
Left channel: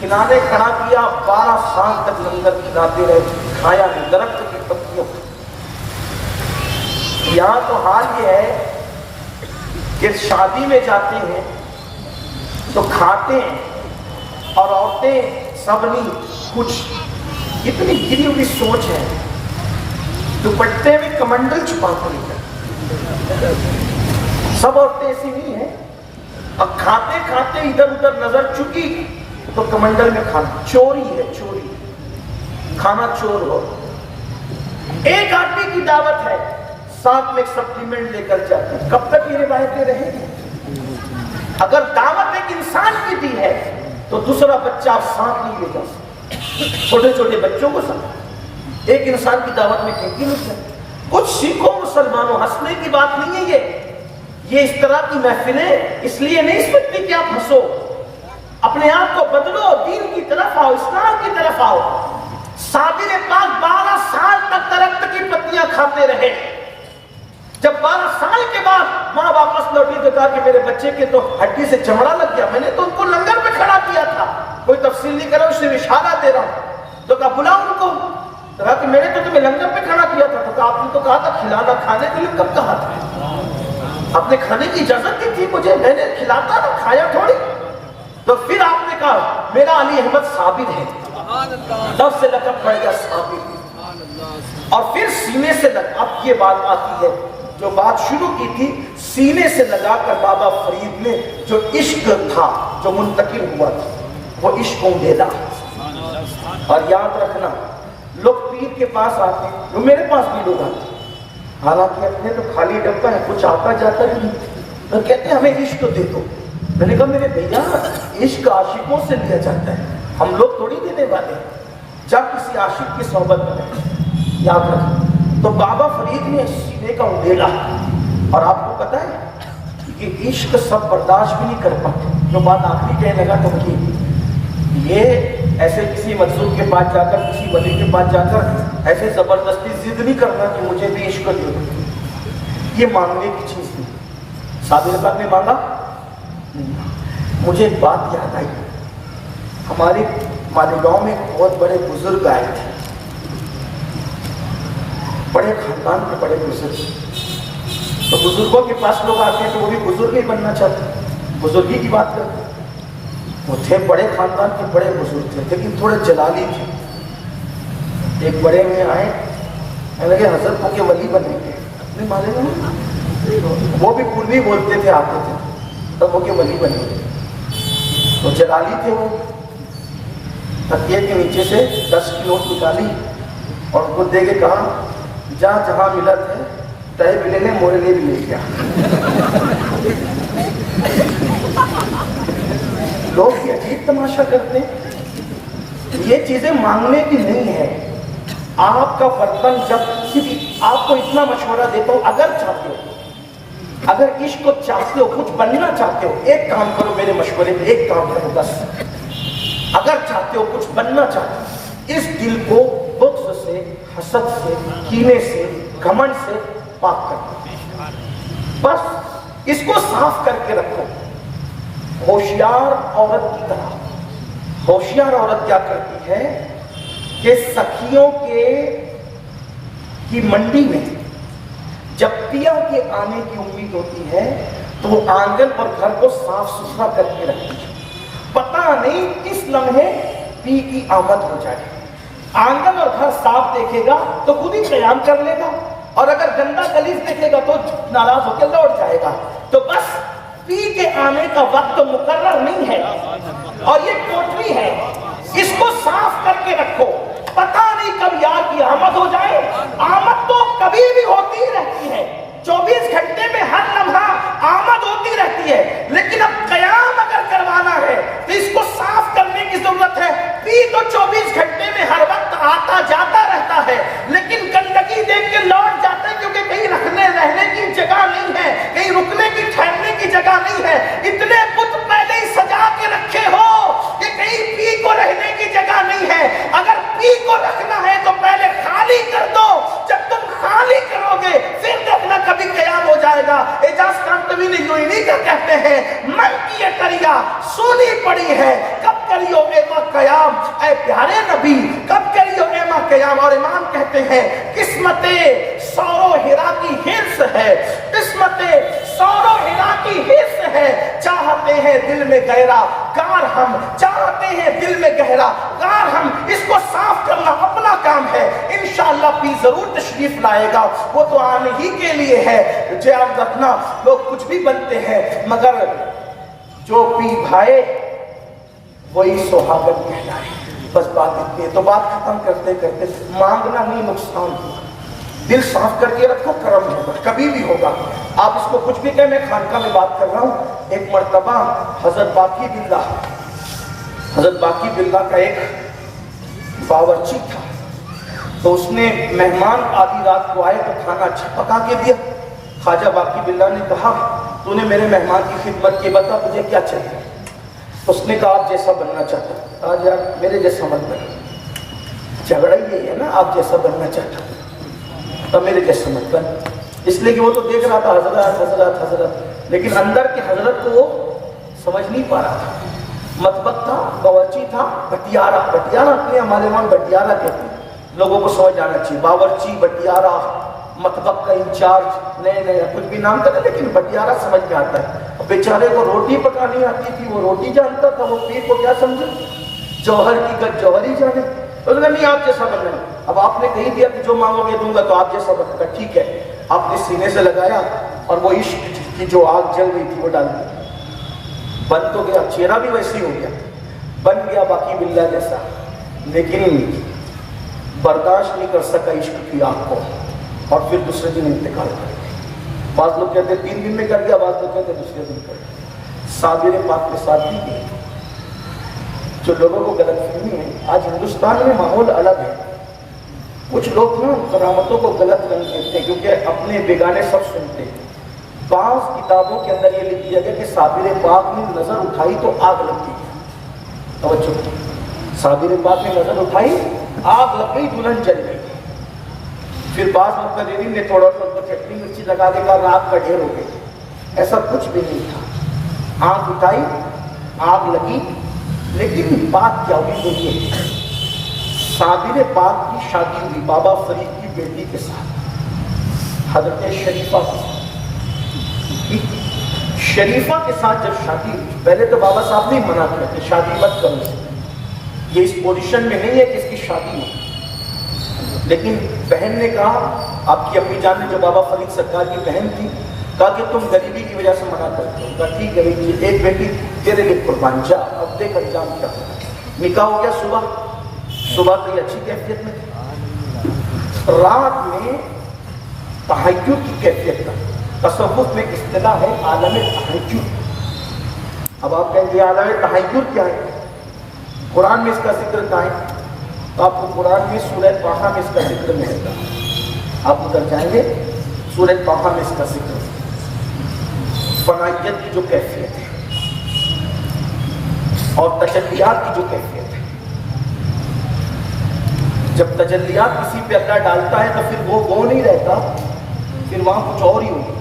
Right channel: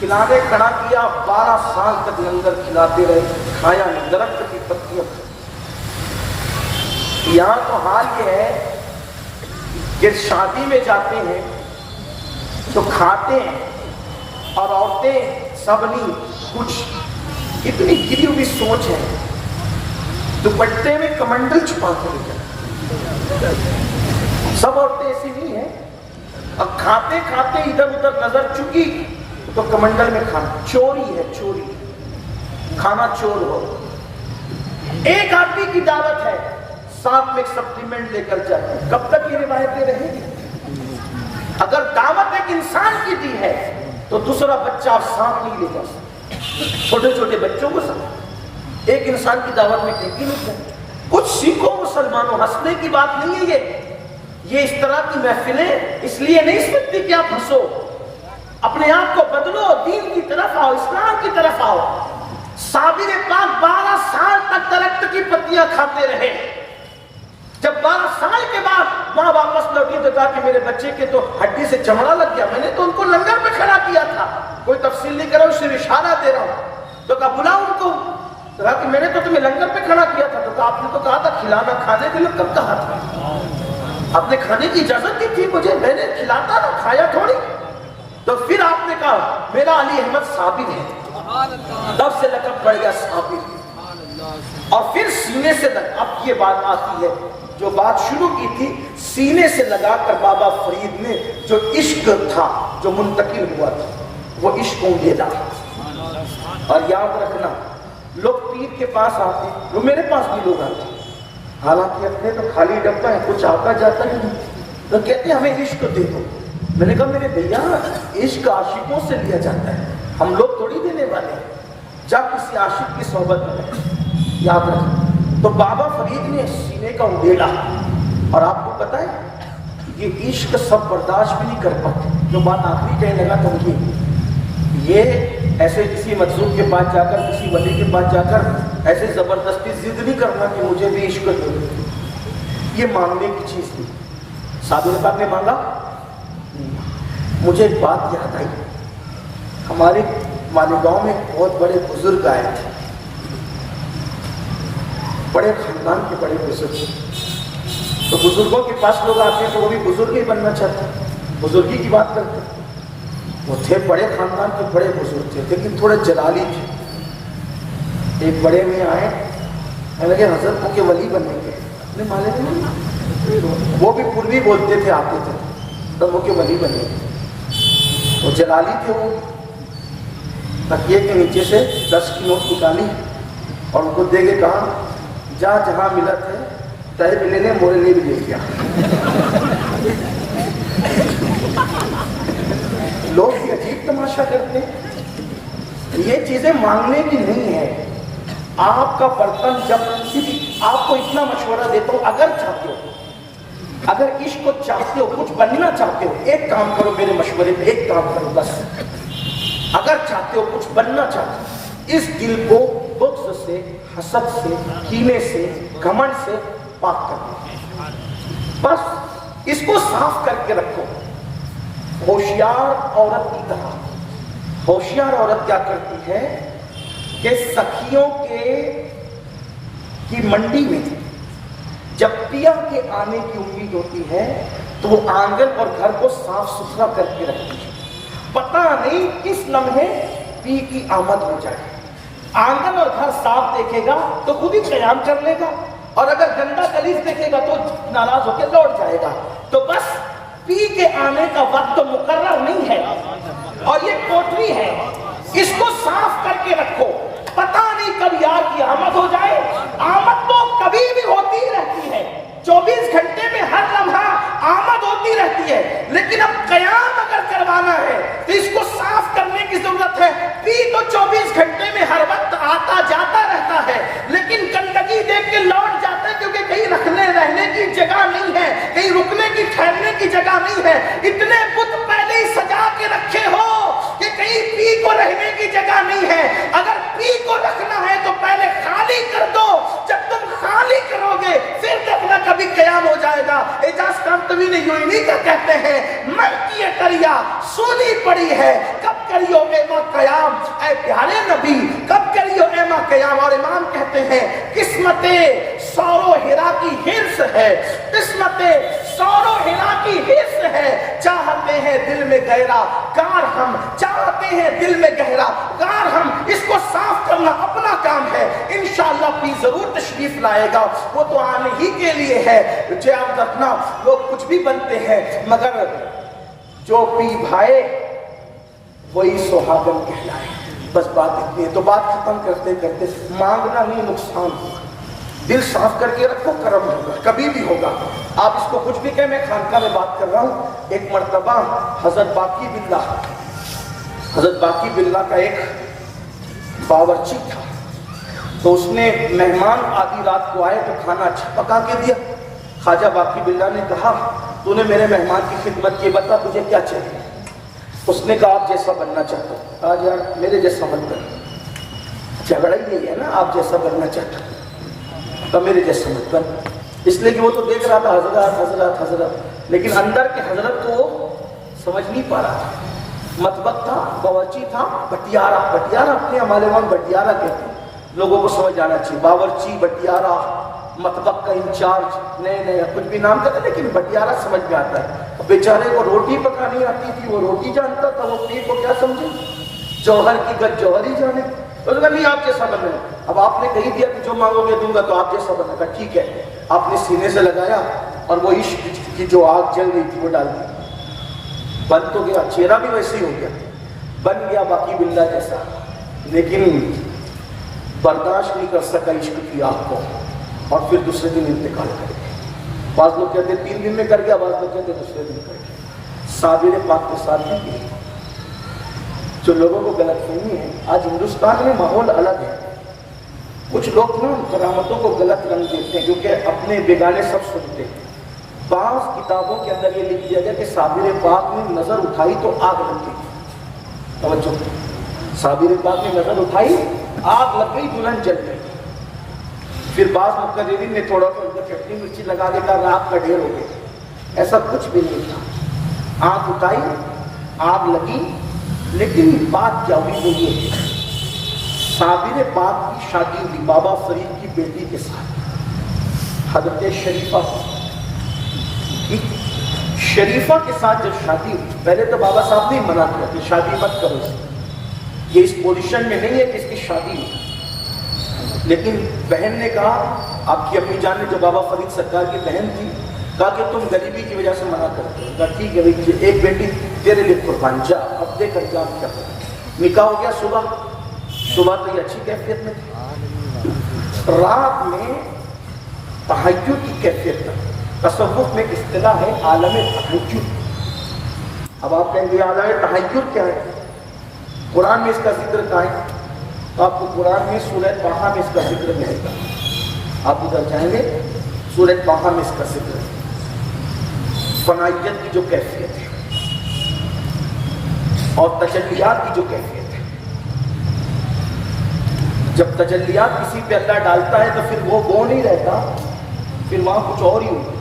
کھلانے کھڑا کیا، 12 سال تک لنگر کھلاتے رہے، کھایا نہیں، درخت کی پتیاں۔ یہاں تو حال یہ ہے کہ شادی میں جاتے ہیں تو کھاتے ہیں اور عورتیں سبنی کچھ اتنی گری ہوئی سوچ ہے، دوپٹے میں کمنڈل چھپا کر لے، سب عورتیں ایسی نہیں ہیں۔ اب کھاتے کھاتے ادھر ادھر نظر چکی تو کمنڈل میں کھانا، چوری ہے، چوری، کھانا چور ہو۔ ایک آدمی کی دعوت ہے، ساتھ میں ایک سپلیمنٹ لے کر جاتے ہیں۔ کب تک یہ روایتیں رہیں گی؟ اگر دعوت ایک انسان کی دی ہے تو دوسرا بچہ آپ ساتھ نہیں لے جا سکتے، چھوٹے چھوٹے بچوں کو ساتھ ایک انسان کی دعوت میں کہیں گی نہیں۔ کچھ سیکھو مسلمانوں، ہنسنے کی بات نہیں ہے یہ اس طرح کی محفلیں اس لیے نہیں سکتی کہ آپ ہنسو، اپنے آپ کو بدلو، دین کی طرف آؤ، اسلام کی طرف آؤ۔ صابر پاک 12 سال تک درخت کی پتیاں کھاتے رہے، جب 12 سال کے بعد ماں واپس لوٹی تو کہا کہ میرے بچے کے تو ہڈی سے چمڑا لگ گیا، میں نے تو ان کو لنگر پہ کھڑا کیا تھا، کوئی تفصیل نہیں کر رہا ہوں، اس سے اشارہ دے رہا ہوں۔ تو کہا بلاؤ ان کو، کہا کہ میں نے تو تمہیں لنگر پہ کھڑا کیا تھا، تو کہا آپ نے تو کہا تھا کھلانا، کھانے کے لیے کب کہا تھا؟ آپ نے کھانے کی اجازت دی تھی مجھے، میں نے کھلاتا نہ کھایا تھوڑی۔ تو پھر آپ نے کہا میرا علی احمد صابر ہے، تب سے لقب پڑ گیا صابر۔ اور پھر سینے سے لگا، اب یہ بات آتی ہے جو بات شروع کی تھی، سینے سے لگا کر بابا فرید نے جو عشق تھا جو منتقل ہوا تھا وہ عشق اونڈیلا۔ اور یاد رکھنا لوگ پیر کے پاس آتے ہیں، وہ میرے پاس بھی لوگ آتے ہیں، حالانکہ اپنے تو خالی ڈبہ ہے، کچھ آتا جاتا بھی نہیں، تو کہتے ہیں ہمیں عشق دے دو۔ میں نے کہا میرے بھیا عشق عاشقوں سے لیا جاتا ہے، ہم لوگ تھوڑی دینے والے ہیں، جب کسی عاشق کی صحبت میں یاد رکھیں۔ تو بابا فرید نے سینے کا اونڈیلا، اور آپ کو پتہ ہے یہ عشق سب برداشت بھی نہیں کر پاتے۔ جو بات آخری کہنے لگا تو کہ یہ ایسے کسی مجذوب کے پاس جا کر، کسی ولی کے پاس جا کر ایسے زبردستی ضد نہیں کرنا کہ مجھے بھی عشق دے دو، یہ مانگنے کی چیز نہیں۔ صابر صاحب نے مانگا، مجھے ایک بات یاد آئی، ہمارے مالیگاؤں میں بہت بڑے بزرگ آئے تھے، بڑے خاندان کے بڑے بزرگ، تو بزرگوں کے پاس لوگ آتے ہیں تو وہ بھی بزرگ ہی بننا چاہتے ہیں، بزرگی کی بات کرتے ہیں۔ وہ تھے بڑے خاندان کے بڑے بزرگ تھے لیکن تھوڑے جلالی تھے۔ ایک بڑے میں آئے، کہنے لگے حضرت کو کہ ولی بنیں گے، اپنے مالے میں وہ بھی پوری بولتے تھے، آتے تھے تب وہ کہ ولی بنیں گے۔ تو جلالی تھے، وہ تکیے کے نیچے سے 10 کی نوٹ نکالی اور ان کو دے کے کہا جا جہاں ملت ہے تہ بھی لے لے، مورے لیے بھی لے گیا۔ لوگ یہ عجیب تماشا کرتے ہیں، یہ چیزیں مانگنے کی نہیں ہے۔ آپ کا برتن جب کسی بھی، آپ کو اتنا مشورہ دیتا ہوں، اگر چاہتے ہو، اگر عشق کو چاہتے ہو، کچھ بننا چاہتے ہو، ایک کام کرو میرے مشورے پہ، ایک کام کرو بس، اگر چاہتے ہو کچھ بننا چاہتے ہو، اس دل کو بغض سے، حسد سے، کینے سے، گھمنڈ سے پاک کرو، بس اس کو صاف کر کے رکھو۔ ہوشیار عورت کی طرح، ہوشیار عورت کیا کرتی ہے کہ سخیوں کی منڈی میں جب پیا کے آنے کی امید ہوتی ہے تو وہ آنگن اور گھر کو صاف ستھرا کر کے رکھتی ہے، پتہ نہیں کس لمحے پی کی آمد ہو جائے۔ آنگن اور گھر صاف دیکھے گا تو خود ہی قیام کر لے گا، اور اگر گندا گلیز دیکھے گا تو ناراض ہو کے لوٹ جائے گا۔ تو بس پی کے آنے کا وقت مقرر نہیں ہے، اور یہ کوٹری ہے، اس کو صاف کر کے رکھو، پتہ نہیں کب یار کی آمد ہو جائے۔ آمد تو کبھی بھی ہوتی ہی رہتی ہے، 24 گھنٹے میں ہر لمحہ آمد ہوتی رہتی ہے، لیکن اب قیام اگر کروانا ہے تو اس کو صاف کرنے کی ضرورت ہے۔ پی تو 24 گھنٹے میں ہر وقت آتا جاتا رہتا ہے، لیکن گندگی دیکھ کے لوٹ جاتا ہے، کیونکہ کہیں رہنے کی جگہ نہیں ہے، کہیں رکنے کی ٹھہرنے کی جگہ نہیں ہے۔ اتنے بت پہلے ہی سجا کے رکھے ہو کہ کہیں پی کو رہنے کی جگہ نہیں ہے۔ اگر پی کو رکھنا ہے تو پہلے خالی کر دو، جب تم خالی کرو گے پھر دیکھنا کبھی قیام ہو جائے گا۔ اعجاز کانتوی نے یوں ہی نہیں کر کہتے ہیں، من کی یہ کریا سونی پڑی ہے، کب کریو میوا اے پیارے نبی کب کریو اے ماں قیام. اور امام کہتے ہیں قسمت سور و ہرا کی حرص ہے, قسمت سور و ہرا کی حرص ہے. چاہتے ہیں دل میں گہرا غار ہم, چاہتے ہیں دل میں گہرا غار ہم, اس کو صاف کرنا اپنا کام ہے. انشاءاللہ پیر ضرور تشریف لائے گا, وہ تو آنے ہی کے لیے ہے. جو آپ رکھنا لوگ کچھ بھی بنتے ہیں مگر جو پی بھائے وہی سہاگن کہلائے. بس بات اتنی ہے. تو بات ختم کرتے کرتے مانگنا نہیں نقصان ہوگا, دل صاف کر کے رکھو, کرم ہوگا, کبھی بھی ہوگا. آپ اس کو کچھ بھی کہیں, میں خانقاہ میں بات کر رہا ہوں. ایک مرتبہ حضرت باقی باللہ کا ایک باورچی تھا, تو اس نے مہمان آدھی رات کو آئے تو کھانا اچھا پکا کے دیا. خواجہ باقی باللہ نے کہا تو نے میرے مہمان کی خدمت کی, بتا تجھے کیا چاہیے. اس نے کہا آپ جیسا بننا چاہتا ہوں. کہا یار میرے جیسا مت بن, جھگڑا یہی ہے نا, آپ جیسا بننا چاہتا ہوں تو میرے جیسا مت بن. اس لیے کہ وہ تو دیکھ رہا تھا حضرت حضرت حضرت, لیکن اندر کے حضرت کو وہ سمجھ نہیں پا رہا تھا. مطبخ تھا, باورچی تھا, بٹیارہ, بٹیارہ اپنے ہمارے وہاں بٹیارہ کہتے ہیں, لوگوں کو سمجھ آنا چاہیے. باورچی, بٹیارہ, مطبخ کا انچارج, نئے نئے کچھ بھی نام کرتے, لیکن بٹیارہ سمجھ میں آتا ہے. بیچارے کو روٹی پکانی آتی تھی, وہ روٹی جانتا تھا, وہ پیر کو کیا سمجھے, جوہر کی گد جوہر ہی جانے. اس نے نہیں آپ جیسا بننا ہے. اب آپ نے کہی دیا کہ جو مانگو گے دوں گا, تو آپ جیسا بننا تھا, ٹھیک ہے. آپ نے سینے سے لگایا اور وہ عشق کی جو آگ جل رہی تھی وہ ڈال دی, بن تو گیا, چہرہ بھی ویسے ہی ہو گیا, بن گیا باقی باللہ جیسا. لیکن برداشت نہیں کر سکا عشق کی آگ کو, اور پھر دوسرے دن انتقال کر گیا. بعض لوگ کہتے 3 دن میں کر گیا, بعض لوگ کہتے دوسرے دن کر گیا. صابر پاک کے ساتھ بھی کی جو لوگوں کو غلط فہمی ہے. آج ہندوستان میں ماحول الگ ہے. کچھ لوگ نا کرامتوں کو غلط رنگ دیتے ہیں کیونکہ اپنے بیگانے سب سنتے ہیں. بعض کتابوں کے اندر یہ لکھ دیا گیا کہ صابر پاک نے نظر اٹھائی تو آگ لگ گئی. توجہ, صابر پاک نے نظر اٹھائی, آگ لگ گئی, دلہن جل گئی. پھر بعض مقررین نے تھوڑا سا چٹنی مرچی لگا کے کہا رات کا ڈھیر ہو گئی. ایسا کچھ بھی نہیں تھا. آگ اٹھائی, آگ لگی, لیکن بات کیا ہوئی وہ یہ ہے, صابر پاک کی شادی ہوئی بابا فرید کی بیٹی کے ساتھ, حضرت شریفہ کے ساتھ جب شادی ہوئی. پہلے تو بابا صاحب نے منع کیا کہ شادی مت کرو, یہ اس پوزیشن میں نہیں ہے کہ اس کی شادی ہو. لیکن بہن نے کہا, آپ کی اپنی جان نے جو بابا فرید سرکار کی بہن تھی, کہا کہ تم غریبی کی وجہ سے منع کرتے ہو. کہا ٹھیک ہے بھائی, ایک بیٹی تیرے لیے قربان, جا اب دے کر جاؤ کیا کرنا. نکاح ہو گیا. صبح تو یہ اچھی کیفیت میں تھی, رات میں تہجد کی کیفیت میں. تصوف میں اصطلاح ہے عالم تہجد. اب آپ کہیں گے عالم تہجد کیا ہے, قرآن میں اس کا ذکر کہاں ہے؟ آپ کو قرآن میں سورہ طٰہٰ میں اس کا ذکر ملے گا. آپ ادھر جائیں گے, سورہ طٰہٰ میں اس کا ذکر, فنائیت کی جو کیفیت ہے اور تجلیات کی جو کیفیت ہے. جب تجلیات کسی پہ اللہ ڈالتا ہے تو پھر وہ نہیں رہتا, پھر وہاں کچھ اور ہی ہوگا,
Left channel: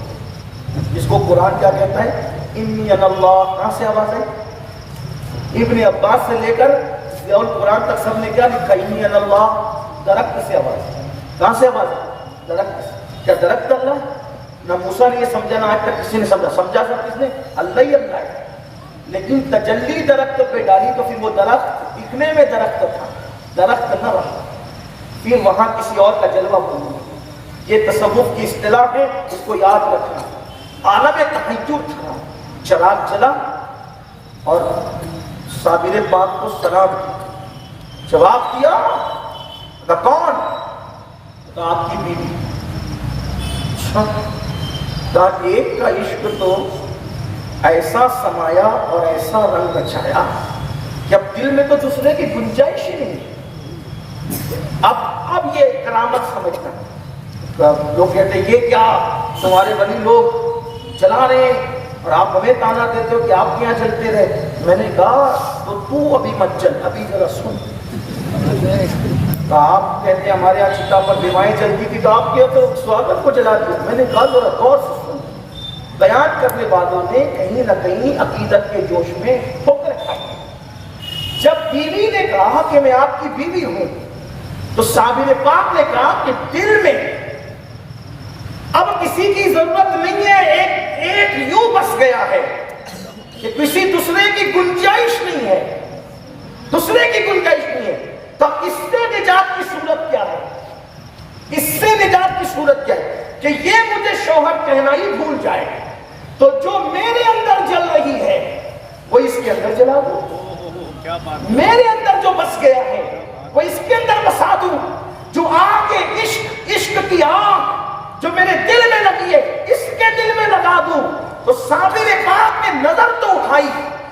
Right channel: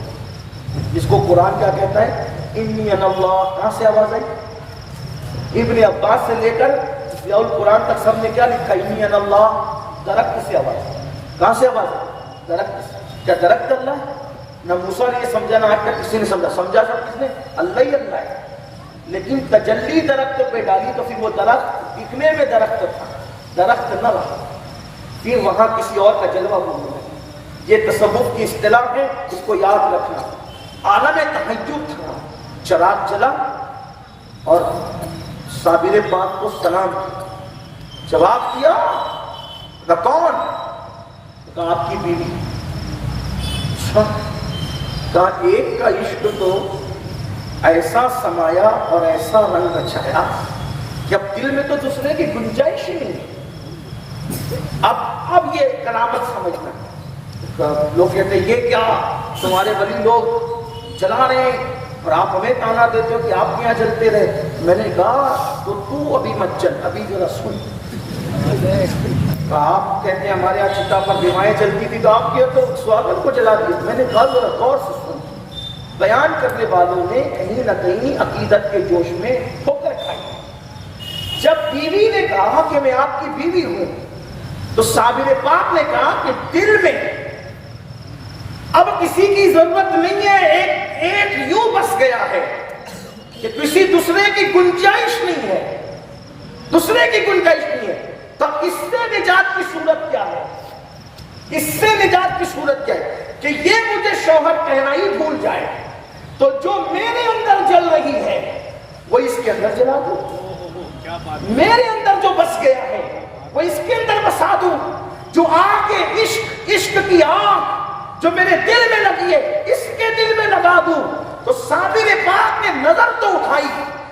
جس کو قرآن کیا کہتا ہے, انی انا اللہ. کہاں سے آواز ہے؟ ابن عباس سے لے کر اور قرآن تک سب نے کیا لکھا, انی انا اللہ. درخت سے آواز ہے. کہاں سے آواز ہے؟ درخت سے. کیا درخت اللہ ہے؟ نہ موسیٰ نے یہ سمجھا, نہ آج تک کسی نے سمجھا سب کس نے, اللہ ہی اللہ ہے. لیکن تجلی درخت پہ ڈالی تو پھر وہ درخت دکھنے میں درخت تھا, درخت نہ رہا, پھر وہاں کسی اور کا جلوہ ہونے لگا. یہ تصوف کی اصطلاح ہے, اس کو یاد رکھنا. عالم تہجد تھا, چراغ جلا اور صابر پاک کو سلام کیا. جواب دیا, نہ کون؟ کہا آپ کی بیوی. کہا ایک کا عشق تو ایسا سمایا اور ایسا رنگ رچایا کہ اب دل میں تو دوسرے کی گنجائش ہی نہیں. اب یہ کرامت سمجھنا. لوگ کہتے ہیں یہ کیا تمہارے ولی لوگ جلا رہے ہیں اور آپ ہمیں تانا دیتے ہو کہ آپ یہاں جلتے رہے. میں نے کہا تو ابھی مت جل, ابھی ذرا سن. آپ کہتے ہیں ہمارے یہاں چتا پر دیوائیں جلتی تھی, تو آپ کیا تو سواگت کو جلا دیا. میں نے کہا ذرا غور سے سن. بیان کرنے والوں نے کہیں نہ کہیں عقیدت کے جوش میں ٹھوکر کھائی. جب بیوی نے کہا کہ میں آپ کی بیوی ہوں، تو صابر پاک نے کہا کہ دل میں اب کسی کی ضرورت نہیں ہے، ایک یوں بس گیا ہے کہ کسی دوسرے کی گنجائش نہیں ہے، دوسرے کی گنجائش نہیں ہے۔ تو اس سے نجات کی صورت کیا ہے؟ اس سے نجات کی صورت کیا ہے کہ یہ مجھے شوہر کہنا ہی بھول جائے، تو جو میرے اندر جل رہی ہے وہ اس کے اندر جلا دوں، میرے اندر جو بس گیا ہے وہ اس کے اندر بسا دوں، جو آگ عشق کی آگ جو میرے دل میں لگی ہے اس کے دل میں لگا دوں۔ تو صابر پاک نے نظر تو اٹھائی،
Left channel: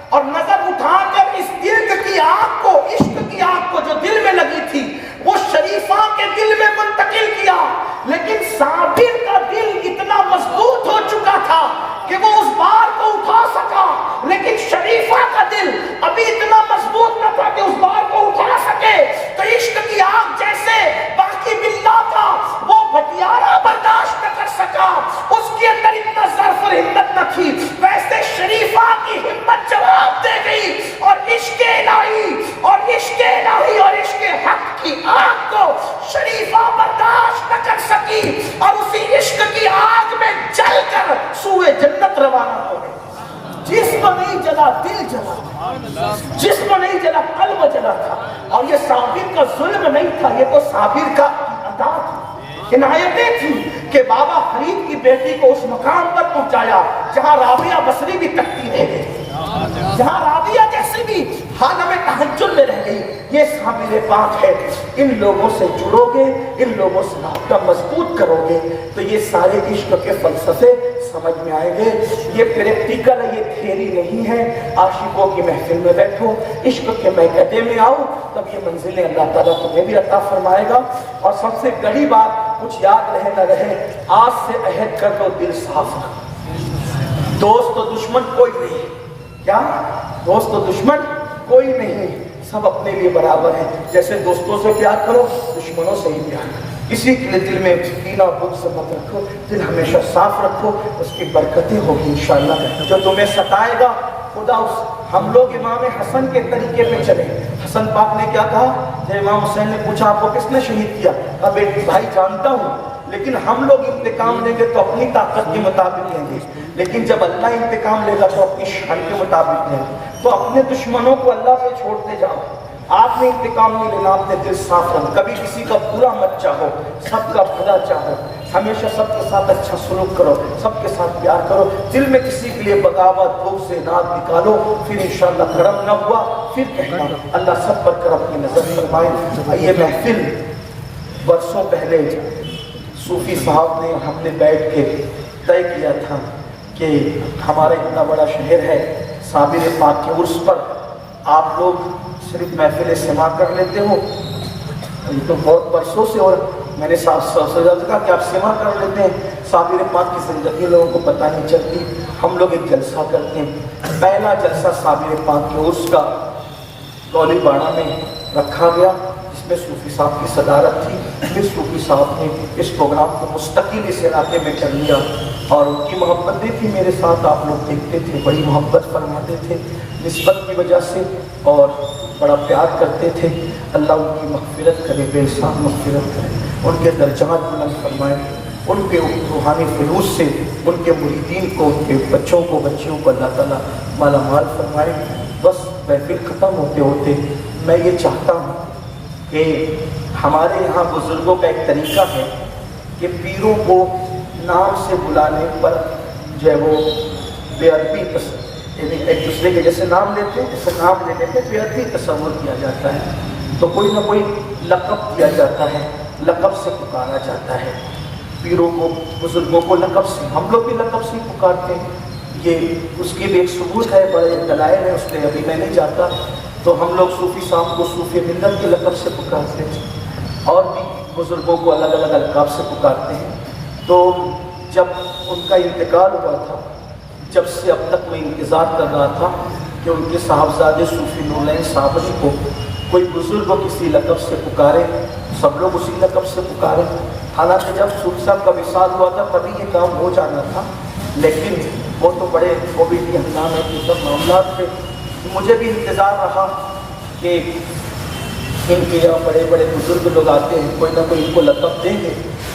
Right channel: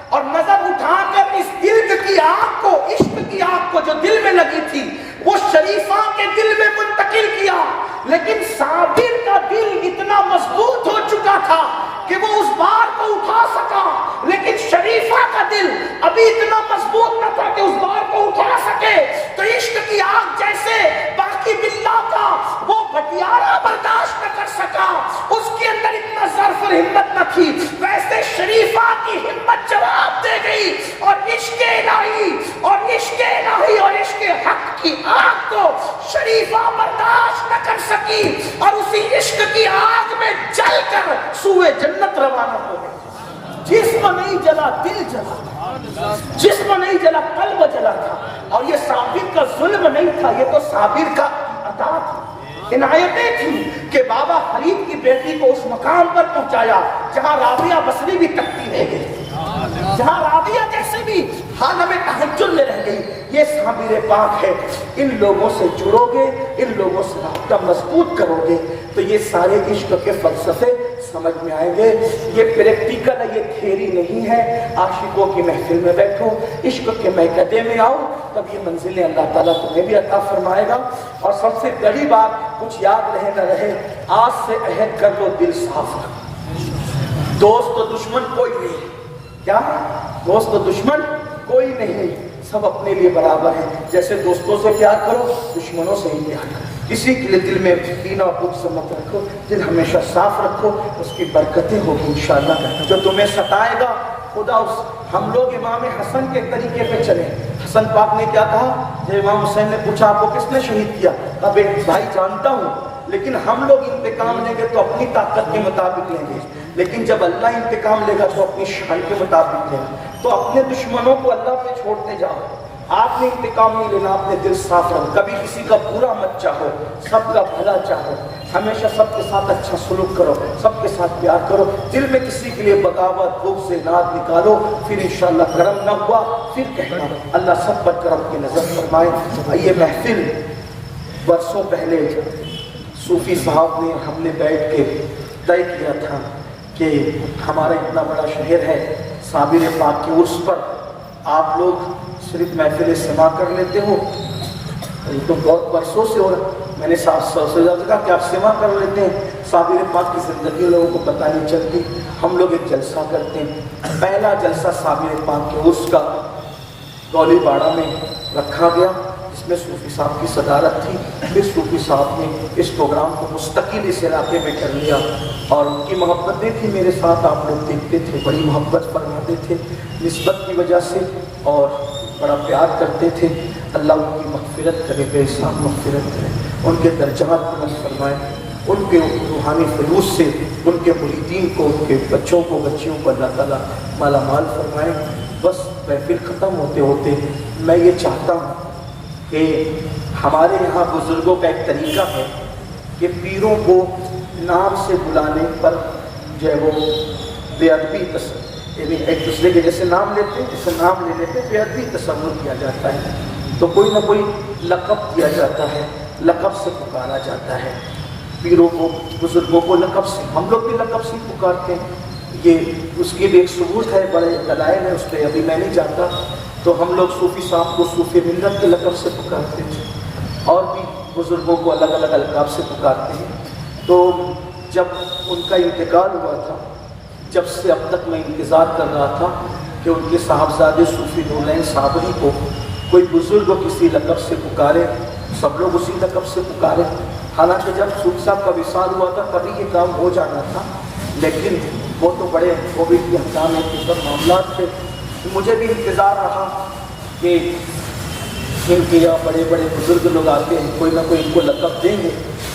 اور نظر اٹھا کر اس دل کی آگ کو، عشق کی آگ کو جو دل میں لگی تھی وہ شریفہ کے دل میں منتقل کیا، لیکن صابر کا دل اتنا مضبوط ہو چکا تھا کہ وہ اس بار کو اٹھا سکا، لیکن شریفہ کا دل ابھی اتنا مضبوط نہ تھا کہ اس بار کو اٹھا سکے۔ تو عشق کی آگ جیسے باقی باللہ کا وہ بٹیارہ برداشت نہ کر سکا، اس کے اندر اتنا ظرف اور ہمت نہ تھی، ویسے شریفہ کی ہمت جواب دے گئی، اور عشق الہی اور عشق حق کی آگ کو شریفہ برداشت نہ کر سکی، اور اسی عشق کی آگ میں جل کر سوئے جنت روانہ ہو گئی۔ جسم نہیں جلا، دل جلا، جسم نہیں جلا، قلب جلا تھا۔ اور یہ صابر کا ظلم نہیں تھا، یہ تو صابر کا عطا تھی، عنایتیں تھی کہ بابا فرید کی بیٹی کو اس مقام پر پہنچایا جہاں رابعہ بصری بھی تکتی رہ گئی، جہاں رابعہ جیسے بھی حالم تہجد میں رہ گئی۔ یہ صابر پاک ہے۔ ان لوگوں سے جڑو گے، ان لوگوں سے رابطہ مضبوط کرو گے تو یہ سارے عشق کے فلسفے سمجھ میں آئیں گے۔ یہ پریکٹیکل ہے، یہ تھیوری نہیں ہے۔ عاشقوں کی محفل میں بیٹھو، عشق کے میکدے میں آؤ، تب یہ منزلیں اللہ تعالیٰ تمہیں بھی عطا فرمائے گا۔ اور سب سے بڑی بات، کچھ یاد رہے نہ رہے، آج سے عہد کر لو دل صاف رکھو۔ دوست و دشمن کوئی نہیں، کیا دوست و دشمن کوئی نہیں، سب اپنے لیے برابر ہیں۔ جیسے دوستوں سے پیار کرو، دشمنوں سے ہی پیار کرو۔ کسی کے لیے دل میں کینہ بغض مت رکھو، دل ہمیشہ صاف رکھو، اس کی برکتیں ہوگی انشاءاللہ۔ جو تمہیں ستائے گا خدا ہم لوگ امام حسن کے طریقے پہ چلیں۔ حسن پاک نے کیا کہا جب امام حسین نے پوچھا آپ کو کس نے شہید کیا؟ کہا بیٹی بھائی جانتا ہوں، لیکن ہم لوگ انتقام لیں گے تو اپنی طاقت کے مطابق لیں گے، لیکن جب اللہ انتقام لے گا تو اپنی شان کے مطابق لیں گے۔ تو اپنے دشمنوں کو اللہ پہ چھوڑتے جاؤ، آپ نے انتقام نہیں لینا، اپنے دل صاف رکھو، کبھی کسی کا برا مت چاہو، سب کا بھلا چاہو، ہمیشہ سب کے ساتھ اچھا سلوک کرو، سب کے ساتھ پیار کرو، دل میں کسی کے لیے بغاوت بغض سے ناد نکالو، پھر انشاءاللہ کرم نہ ہوا پھر کہنا اللہ سب پر کرم کی نظر فرمائے۔ یہ محفل برسوں پہلے صوفی صاحب نے ہم نے بیٹھ کے طے کیا تھا کہ ہمارا اتنا بڑا شہر ہے، صابر پاک کے عرس پر آپ لوگ صرف محفل سما کر لیتے ہو، یہ تو بہت برسوں سے، اور میں نے صاحب سے کہا کہ آپ سما کر لیتے ہیں، صابر پاک کی زندگی لوگوں کو پتہ نہیں چلتی، ہم لوگ ایک جلسہ کرتے ہیں۔ پہلا جلسہ صابر پاک کے عرس کا گولی باڑہ میں رکھا گیا، جس میں صوفی صاحب کی صدارت تھی۔ پھر صوفی صاحب نے اس پروگرام کو مستقل اس علاقے میں کر لیا، اور ان کی محبتیں تھی میرے ساتھ، آپ لوگ دیکھتے تھے، بڑی محبت فرماتے تھے نسبت کی وجہ سے، اور بڑا پیار کرتے تھے۔ اللہ ان کی مغفرت کرے، بے حساب مغفرت کرے، ان کے درجات بلند فرمائے، ان کے روحانی فیوز سے ان کے مریدین کو، ان کے بچوں کو، بچیوں کو اللہ تعالیٰ مالا مال فرمائے۔ بس محفل ختم ہوتے ہوتے میں یہ چاہتا ہوں کہ ہمارے یہاں بزرگوں کا ایک طریقہ ہے کہ پیروں کو نام سے بلانے پر جو ہے وہ بے ادبی یعنی ایک دوسرے کے جیسے نام لیتے ہیں، جیسے نام لینے پہ بے ادبی تصور کیا جاتا ہے، تو کوئی نہ کوئی لقب دیا جاتا ہے، لقب سے پکارا جاتا ہے پیروں کو، بزرگوں کو لقب سے، ہم لوگ بھی لقب سے پکارتے ہیں۔ یہ اس کے لیے ایک ثبوت ہے، بڑے دلائل ہیں اس پہ، ابھی میں نہیں جاتا۔ تو ہم لوگ صوفی صاحب کو صوفی ملت کے لقب سے پکارتے تھے، اور بھی بزرگوں کو الگ الگ القاب سے پکارتے ہیں۔ تو جب ان کا انتقال ہوا تھا، جب سے اب تک میں انتظار کر رہا تھا کہ ان کے صاحبزادے صوفی نورالعین صابری کو کوئی بزرگ کو کسی لقب سے پکارے، سب لوگ اسی لقب سے پکارے۔ حالانکہ جب صوفی صاحب کا وصال ہوا تھا تبھی یہ کام ہو جانا تھا، لیکن وہ تو بڑے کووڈ کے انتظام کے سب معاملات تھے۔ مجھے بھی انتظار رہا کہ ان کے یہاں بڑے بڑے بزرگ لوگ آتے ہیں، کوئی نہ کوئی ان کو لقب دیں گے،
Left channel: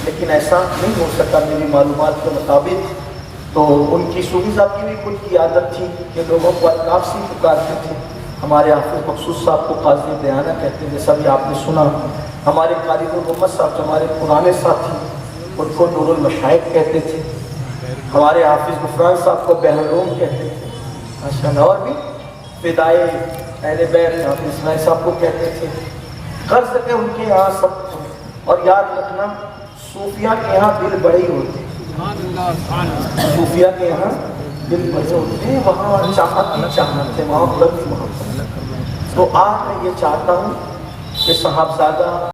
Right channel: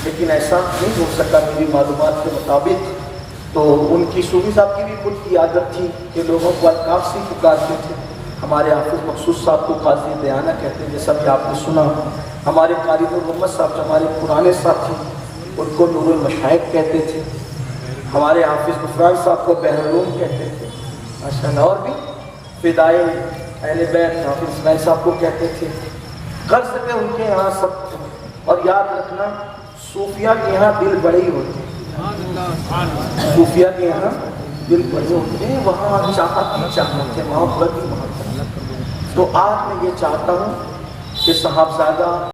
لیکن ایسا نہیں ہو سکا میری معلومات کے مطابق۔ تو ان کی صوفی صاحب کی بھی خود کی عادت تھی کہ لوگوں کو القاب سے پکارتے تھے۔ ہمارے حافظ مقصود صاحب کو قاضی دیانہ کہتے ہیں، جیسا کہ آپ نے سنا۔ ہمارے قاری محمد صاحب جو ہمارے پرانے ساتھی، ان کو نور المشائخ کہتے تھے۔ ہمارے حافظ غفران صاحب کو بحر العلوم کہتے تھے ماشاءاللہ، اور بھی فدائے اہل بیت حافظ اسماعیل صاحب کو کہتے تھے۔ غرض پہ ان کے یہاں سب، اور یاد رکھنا صوفیہ کے یہاں دل بڑے ہی ہوتے ہیں، صوفیہ کے یہاں دل بڑے ہوتے ہیں، وہاں چاہت ہے، وہاں بڑی محبت۔ تو آج میں یہ چاہتا ہوں کہ صاحبزادہ